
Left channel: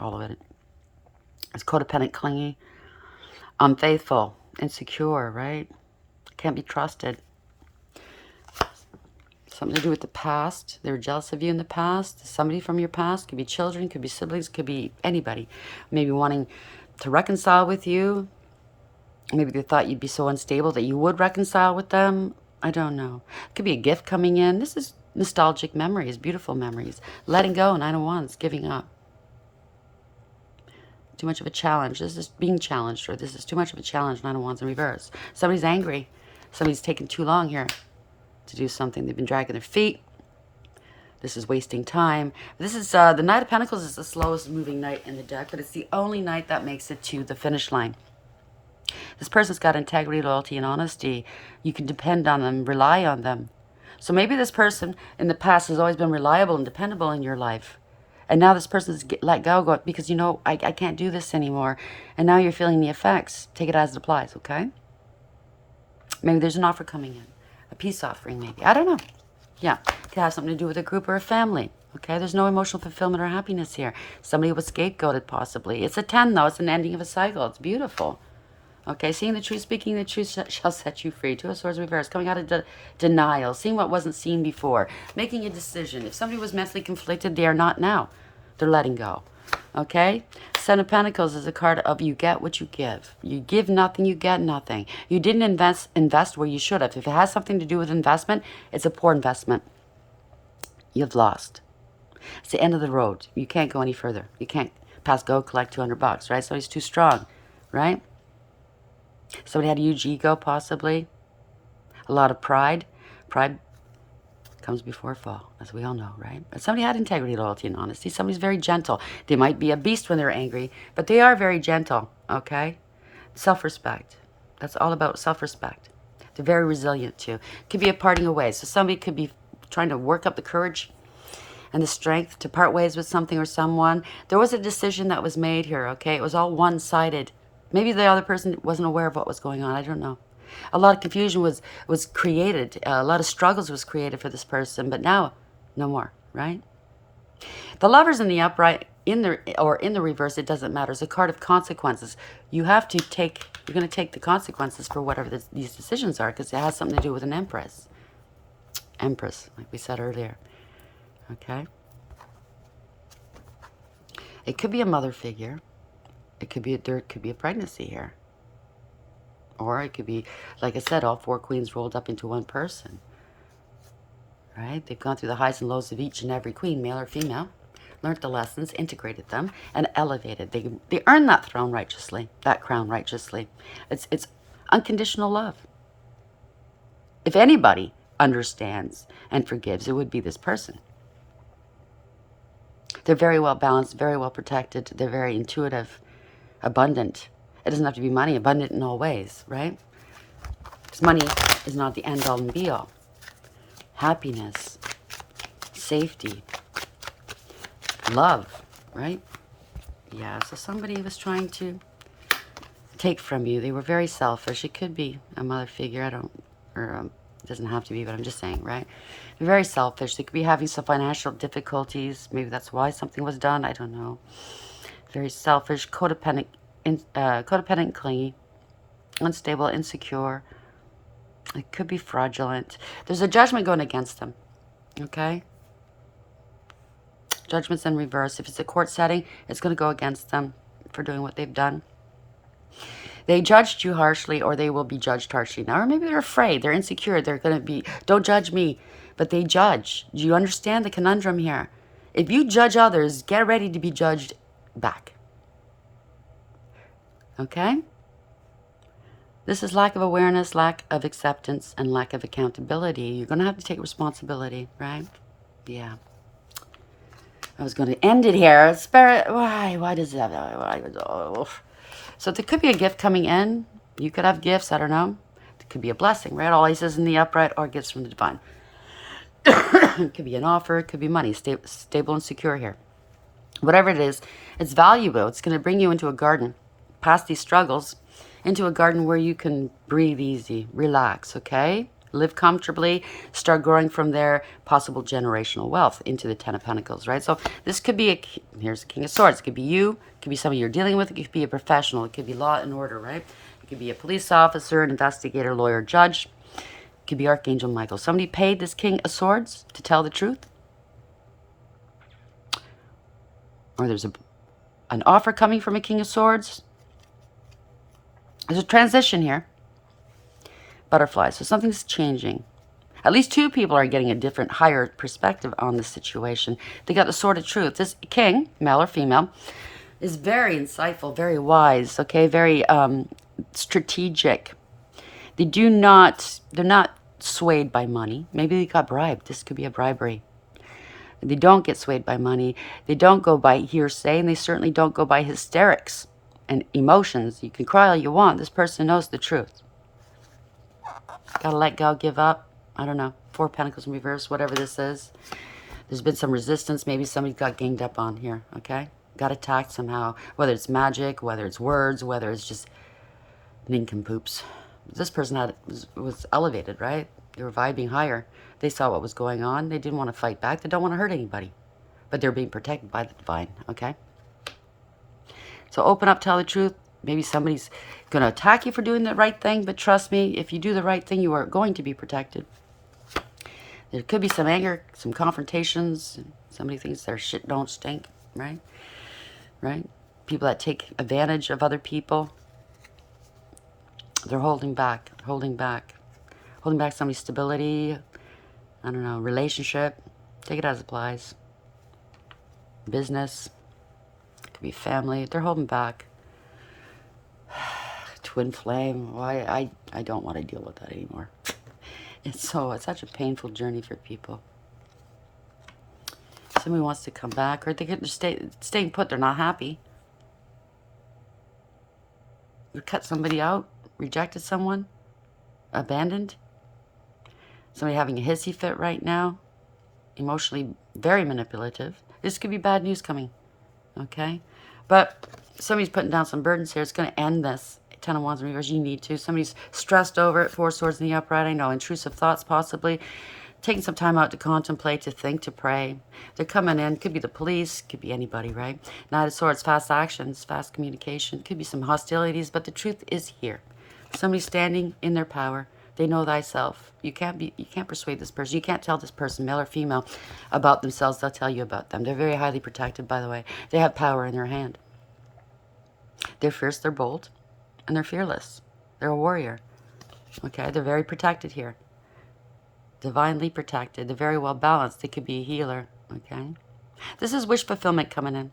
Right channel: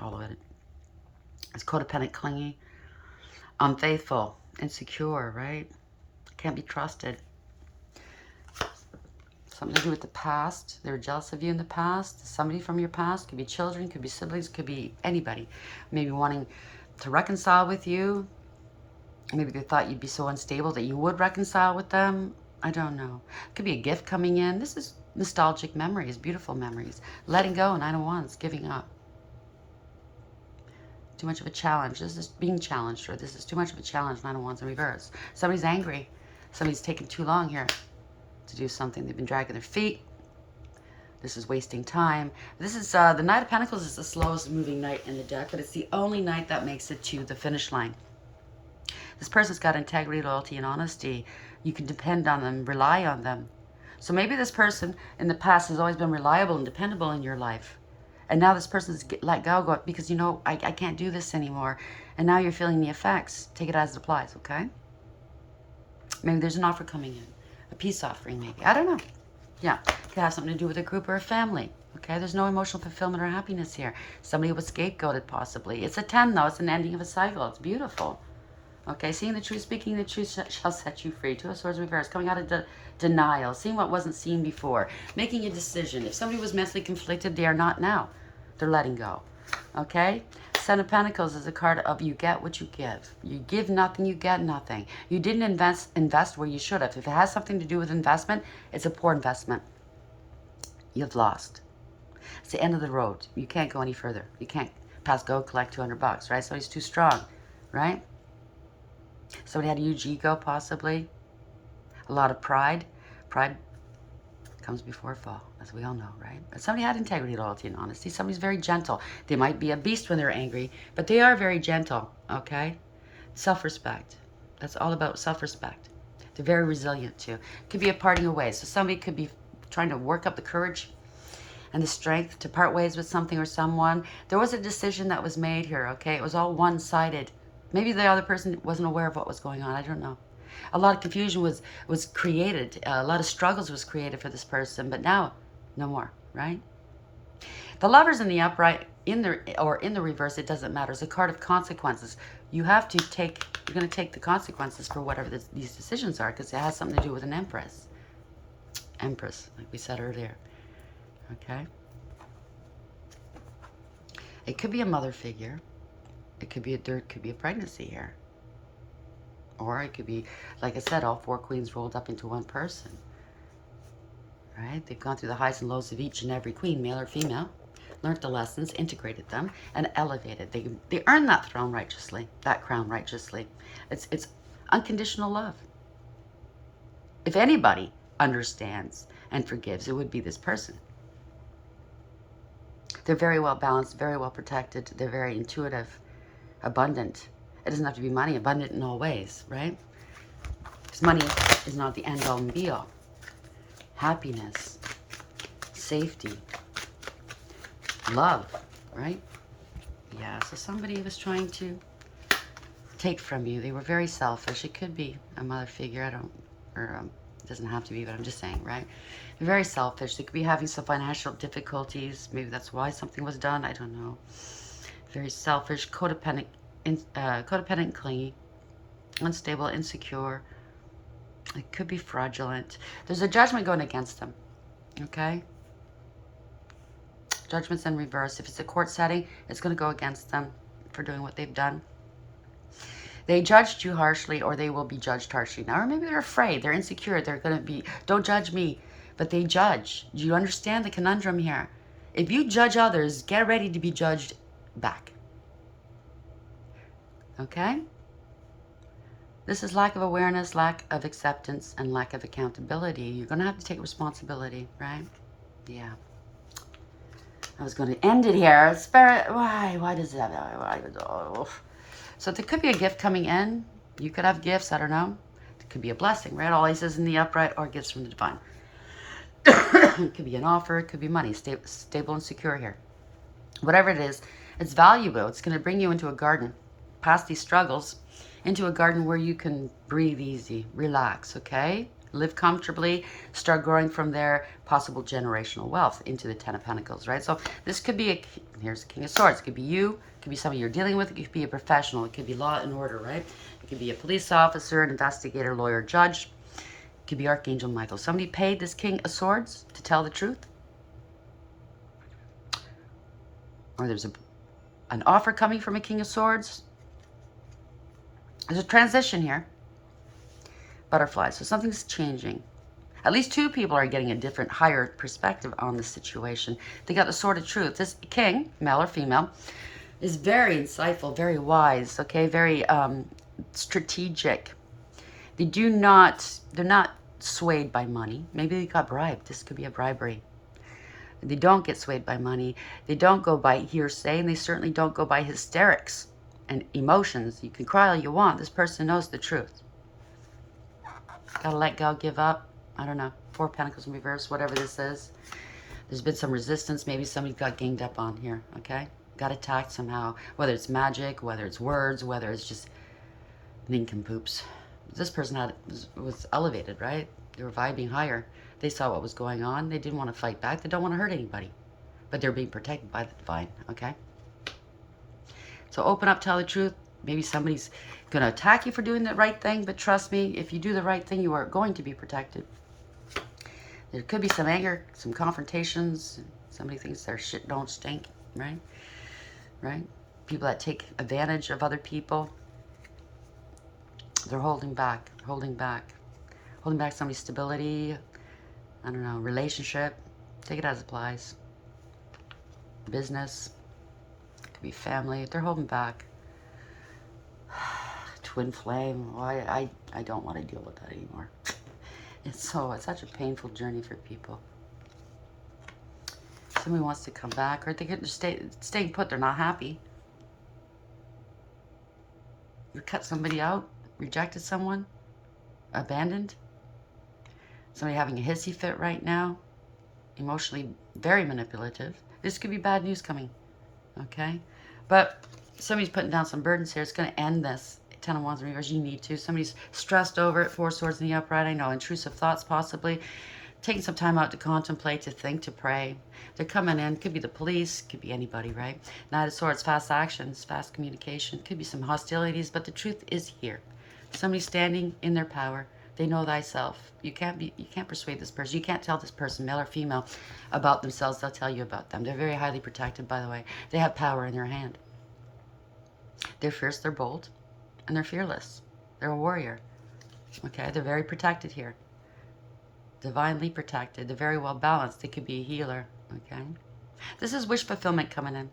all of it. It's codependent, clingy, unfaithful, insecure, right? Can't be trusted. Something to do with the past. They were jealous of you in the past. Somebody from your past. Could be children, could be siblings, could be anybody. Maybe wanting to reconcile with you. Maybe they thought you'd be so unstable that you would reconcile with them. I don't know. Could be a gift coming in. This is nostalgic memories, beautiful memories. Letting go, Nine of Wands, giving up. Too much of a challenge. This is being challenged, or this is too much of a challenge, Nine of Wands in reverse. Somebody's angry. Somebody's taking too long here to do something. They've been dragging their feet. This is wasting time. This is, the Knight of Pentacles is the slowest moving knight in the deck, but it's the only knight that makes it to the finish line. This person's got integrity, loyalty, and honesty. You can depend on them, rely on them. So maybe this person in the past has always been reliable and dependable in your life. And now this person's let go because, I can't do this anymore. And now you're feeling the effects. Take it as it applies, okay? Maybe there's an offer coming in. A peace offering, maybe. I don't know. Yeah. It could have something to do with a group or a family. Okay? There's no emotional fulfillment or happiness here. Somebody was scapegoated, possibly. It's a 10, though. It's an ending of a cycle. It's beautiful. Okay, seeing the truth, speaking the truth shall set you free. Two of Swords reversed, coming out of denial, seeing what wasn't seen before, making a decision. If somebody was mentally conflicted, they are not now. They're letting go. Okay? Seven of Pentacles is a card of you get what you give. You give nothing, you get nothing. You didn't invest where you should have. If it has something to do with investment, it's a poor investment. You've lost. It's the end of the road. You can't go any further. You can't pass go, collect $200, right? So he's too strong, right? Somebody had a huge ego, possibly. A lot of pride. Pride comes before a fall, as we all know, right? But somebody had integrity, loyalty, and honesty. Somebody's very gentle. They might be a beast when they're angry, but they are very gentle, okay? Self-respect. That's all about self-respect. They're very resilient, too. Could be a parting of ways. So somebody could be trying to work up the courage and the strength to part ways with something or someone. There was a decision that was made here, okay? It was all one-sided. Maybe the other person wasn't aware of what was going on. I don't know. A lot of confusion was created. A lot of struggles was created for this person. But now, no more, right? The Lovers in the upright, in the reverse, it doesn't matter. It's a card of consequences. You have to take, you're going to take the consequences for whatever these decisions are, because it has something to do with an Empress. Empress, like we said earlier. Okay? It could be a mother figure. It could be there could be a pregnancy here. Or it could be, like I said, all four queens rolled up into one person. Right? They've gone through the highs and lows of each and every queen, male or female, learned the lessons, integrated them, and elevated. They earned that throne righteously, that crown righteously. It's unconditional love. If anybody understands and forgives, it would be this person. They're very well balanced, very well protected. They're very intuitive, abundant. It doesn't have to be money, abundant in all ways, right? Because money is not the end all and be all. Happiness, safety, love, right? Yeah, so somebody was trying to take from you. They were very selfish. It could be a mother figure. It doesn't have to be, but I'm just saying, right? They're very selfish. They could be having some financial difficulties. Maybe that's why something was done. I don't know. Very selfish, codependent, clingy, unstable, insecure. It could be fraudulent. There's a judgment going against them. Okay? Judgment's in reverse. If it's a court setting, it's going to go against them for doing what they've done. They judged you harshly, or they will be judged harshly now. Or maybe they're afraid. They're insecure. They're going to be, don't judge me. But they judge. Do you understand the conundrum here? If you judge others, get ready to be judged back. Okay? This is lack of awareness, lack of acceptance, and lack of accountability. You're going to have to take responsibility, right? Yeah. I was going to end it here. Spirit, why does that? So there could be a gift coming in. You could have gifts, I don't know. It could be a blessing, right? All aces in the upright, or gifts from the divine. It could be an offer. It could be money. Stable and secure here. Whatever it is, it's valuable. It's going to bring you into a garden, past these struggles, into a garden where you can breathe easy, relax, okay? Live comfortably, start growing from there, possible generational wealth into the Ten of Pentacles, right? So this could be, here's the King of Swords. It could be you, it could be somebody you're dealing with, it could be a professional, it could be law and order, right? It could be a police officer, an investigator, lawyer, judge. It could be Archangel Michael. Somebody paid this King of Swords to tell the truth. Or there's an offer coming from a King of Swords. There's a transition here. Butterflies. So something's changing. At least two people are getting a different, higher perspective on the situation. They got the Sword of Truth. This king, male or female, is very insightful, very wise, okay, very strategic. They're not swayed by money. Maybe they got bribed. This could be a bribery. They don't get swayed by money. They don't go by hearsay, and they certainly don't go by hysterics. and emotions. You can cry all you want. This person knows the truth. Gotta let go, give up. I don't know. 4 Pentacles in reverse, whatever this is. There's been some resistance. Maybe somebody got ganged up on here, okay? Got attacked somehow. Whether it's magic, whether it's words, whether it's just nincompoops. This person was elevated, right? They were vibing higher. They saw what was going on. They didn't want to fight back. They don't want to hurt anybody. But they're being protected by the divine, okay? So open up, tell the truth. Maybe somebody's going to attack you for doing the right thing, but trust me, if you do the right thing, you are going to be protected. There could be some anger, some confrontations. Somebody thinks their shit don't stink, right? Right? People that take advantage of other people. They're holding back, holding back. Holding back somebody's stability, I don't know, relationship. Take it as it applies. Business. It could be family. They're holding back. Twin flame. Why? I don't want to deal with that anymore. It's such a painful journey for people. Somebody wants to come back, or they could just staying put. They're not happy. You cut somebody out, rejected someone, abandoned. Somebody having a hissy fit right now, emotionally very manipulative. This could be bad news coming, okay? But somebody's putting down some burdens here. It's going to end this. 10 of Wands in reverse, you need to. Somebody's stressed over it. 4 Swords in the upright. I know, intrusive thoughts possibly. Taking some time out to contemplate, to think, to pray. They're coming in. Could be the police. Could be anybody, right? Knight of Swords, fast actions, fast communication. Could be some hostilities, but the truth is here. Somebody's standing in their power. They know thyself. You can't persuade this person. You can't tell this person, male or female, about themselves. They'll tell you about them. They're very highly protected, by the way. They have power in their hand. They're fierce, they're bold, and they're fearless. They're a warrior. Okay, they're very protected here. Divinely protected. They're very well balanced. They could be a healer. Okay, this is wish fulfillment coming in.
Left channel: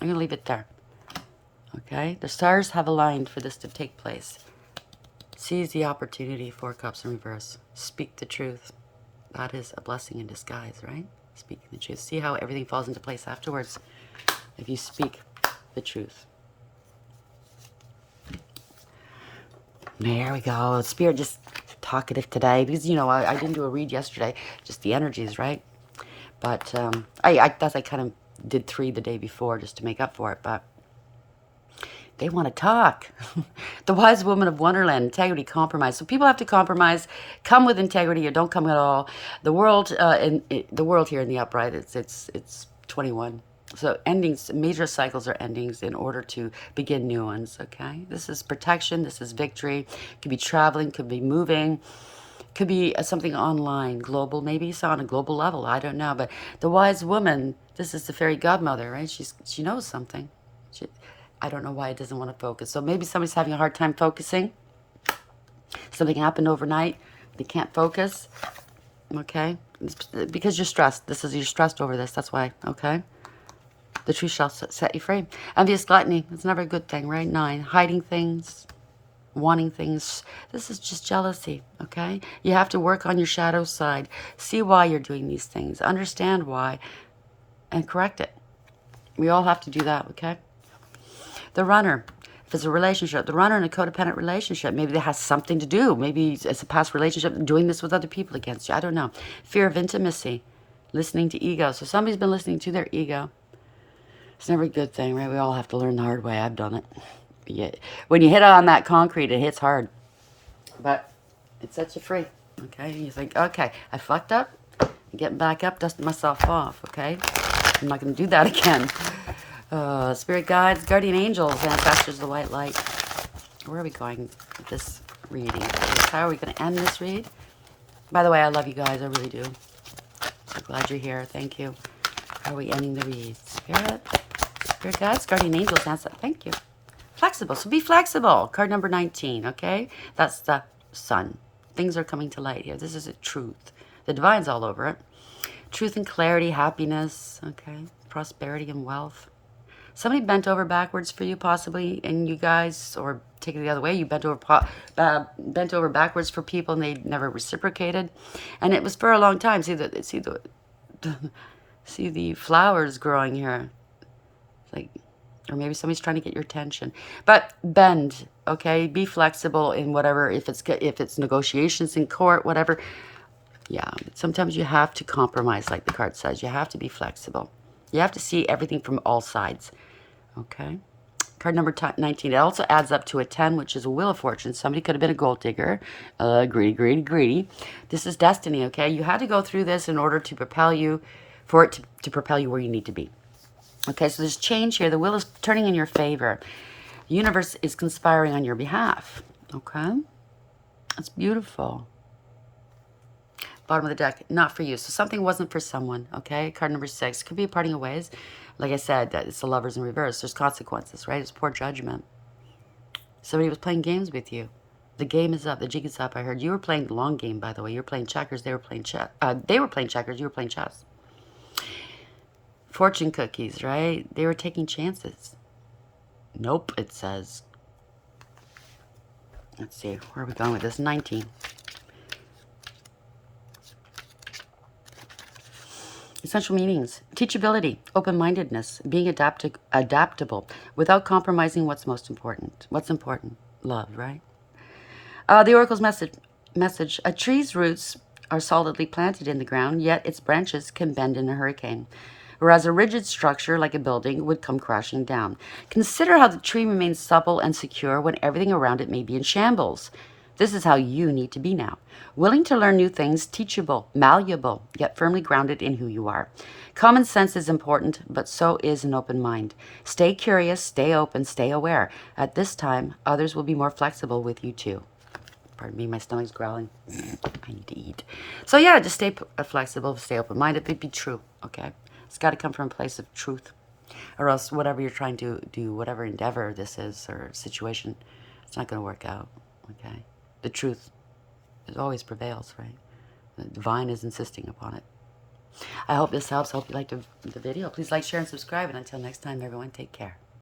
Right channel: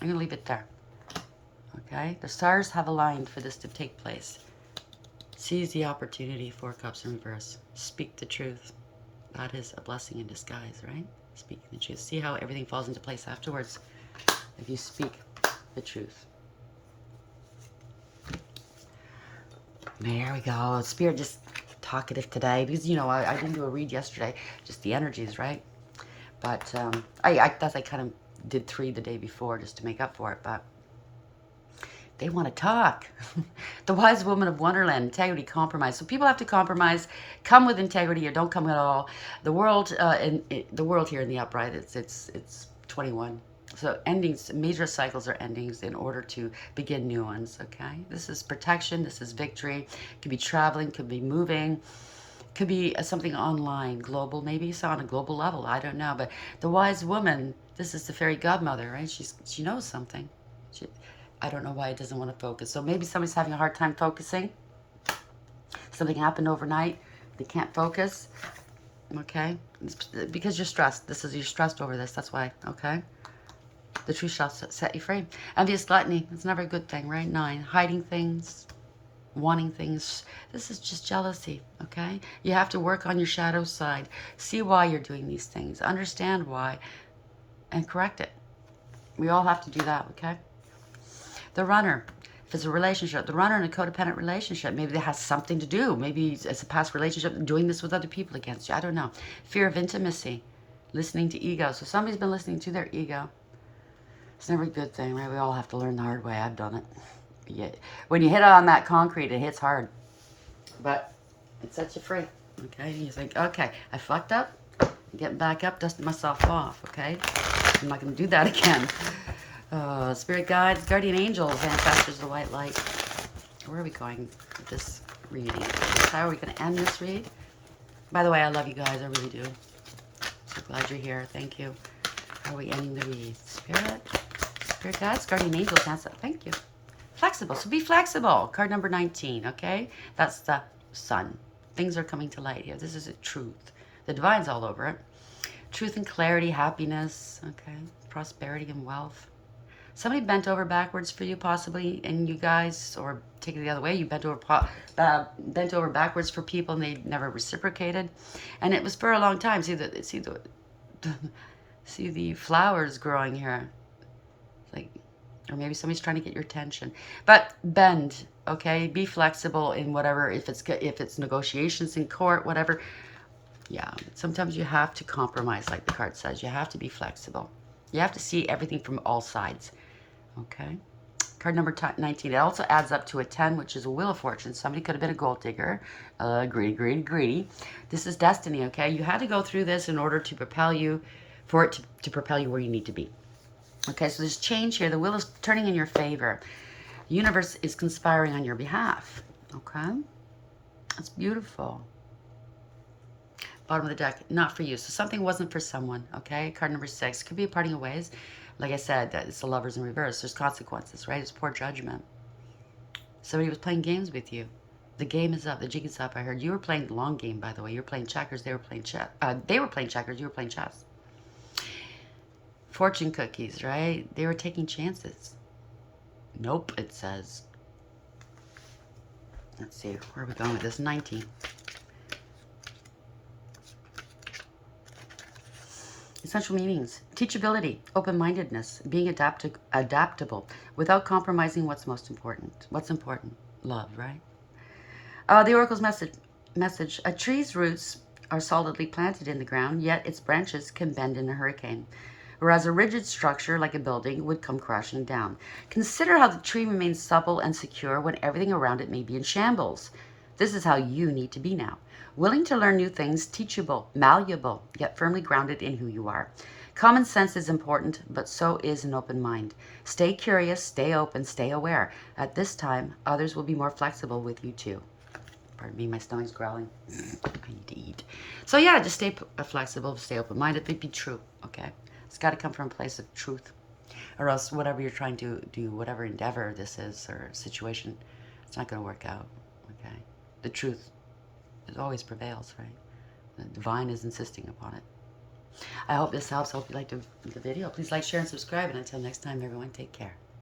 I'm gonna leave it there. Okay, the stars have aligned for this to take place. Seize the opportunity. 4 Cups in reverse. Speak the truth. That is a blessing in disguise, right? Speaking the truth. See how everything falls into place afterwards if you speak the truth. There we go. Spirit just talkative today because, you know, I didn't do a read yesterday. Just the energies, right? But I thought I kind of did 3 the day before just to make up for it, but they want to talk. The wise woman of Wonderland, integrity, compromise. So people have to compromise, come with integrity or don't come at all. The world, the world here in the upright, it's 21. So endings, major cycles are endings in order to begin new ones, okay? This is protection, this is victory. Could be traveling, could be moving, could be something online, global, maybe it's on a global level, I don't know. But the wise woman, this is the fairy godmother, right? She knows something. I don't know why it doesn't want to focus. So maybe somebody's having a hard time focusing. Something happened overnight. They can't focus. Okay? It's because you're stressed. You're stressed over this. That's why. Okay? The truth shall set you free. Envious gluttony. It's never a good thing, right? 9. Hiding things. Wanting things. This is just jealousy. Okay? You have to work on your shadow side. See why you're doing these things. Understand why. And correct it. We all have to do that. Okay? The runner, if it's a relationship, the runner in a codependent relationship, maybe that has something to do. Maybe it's a past relationship, doing this with other people against you. I don't know. Fear of intimacy, listening to ego. So somebody's been listening to their ego. It's never a good thing, right? We all have to learn the hard way. I've done it. Yeah. When you hit on that concrete, it hits hard. But it sets you free, okay? You think, okay, I fucked up. I'm getting back up, dusting myself off, okay? I'm not going to do that again. Spirit guides, guardian angels, ancestors, the white light. Where are we going with this reading? How are we going to end this read? By the way, I love you guys. I really do. So glad you're here. Thank you. How are we ending the read? Spirit guides, guardian angels, ancestors. Thank you. Flexible. So be flexible. Card number 19, okay? That's the sun. Things are coming to light here. This is a truth. The divine's all over it. Truth and clarity, happiness, okay? Prosperity and wealth. Somebody bent over backwards for you, possibly, and you guys, or take it the other way, you bent over backwards for people, and they never reciprocated, and it was for a long time. See the flowers growing here, like Or maybe somebody's trying to get your attention. But bend, okay? Be flexible in whatever, if it's negotiations in court, whatever. Yeah, sometimes you have to compromise, like the card says. You have to be flexible. You have to see everything from all sides, okay? Card number 19. It also adds up to a 10, which is a Wheel of Fortune. Somebody could have been a gold digger. Greedy, greedy, greedy. This is destiny, okay? You had to go through this in order to propel you, for it to propel you where you need to be. Okay, so there's change here. The wheel is turning in your favor. The universe is conspiring on your behalf. Okay? That's beautiful. Bottom of the deck, not for you. So something wasn't for someone, okay? Card number 6. Could be parting of ways. Like I said, it's the Lovers in reverse. There's consequences, right? It's poor judgment. Somebody was playing games with you. The game is up. The jig is up. I heard you were playing the long game, by the way. You were playing checkers. They were playing chess. They were playing checkers. You were playing chess. Fortune cookies, right? They were taking chances. Nope, it says. Let's see. Where are we going with this? 19. Essential meanings. Teachability, open-mindedness, being adaptable without compromising what's most important. What's important? Love, right? The Oracle's message. A tree's roots are solidly planted in the ground, yet its branches can bend in a hurricane, whereas a rigid structure like a building would come crashing down. Consider how the tree remains supple and secure when everything around it may be in shambles. This is how you need to be now. Willing to learn new things, teachable, malleable, yet firmly grounded in who you are. Common sense is important, but so is an open mind. Stay curious, stay open, stay aware. At this time, others will be more flexible with you too. Pardon me, my stomach's growling. I need to eat. So yeah, just stay flexible, stay open-minded, but be true, okay? It's got to come from a place of truth. Or else whatever you're trying to do, whatever endeavor this is or situation, it's not going to work out, okay? The truth always prevails, right? The divine is insisting upon it. I hope this helps. I hope you liked the video. Please like, share, and subscribe. And until next time, everyone, take care.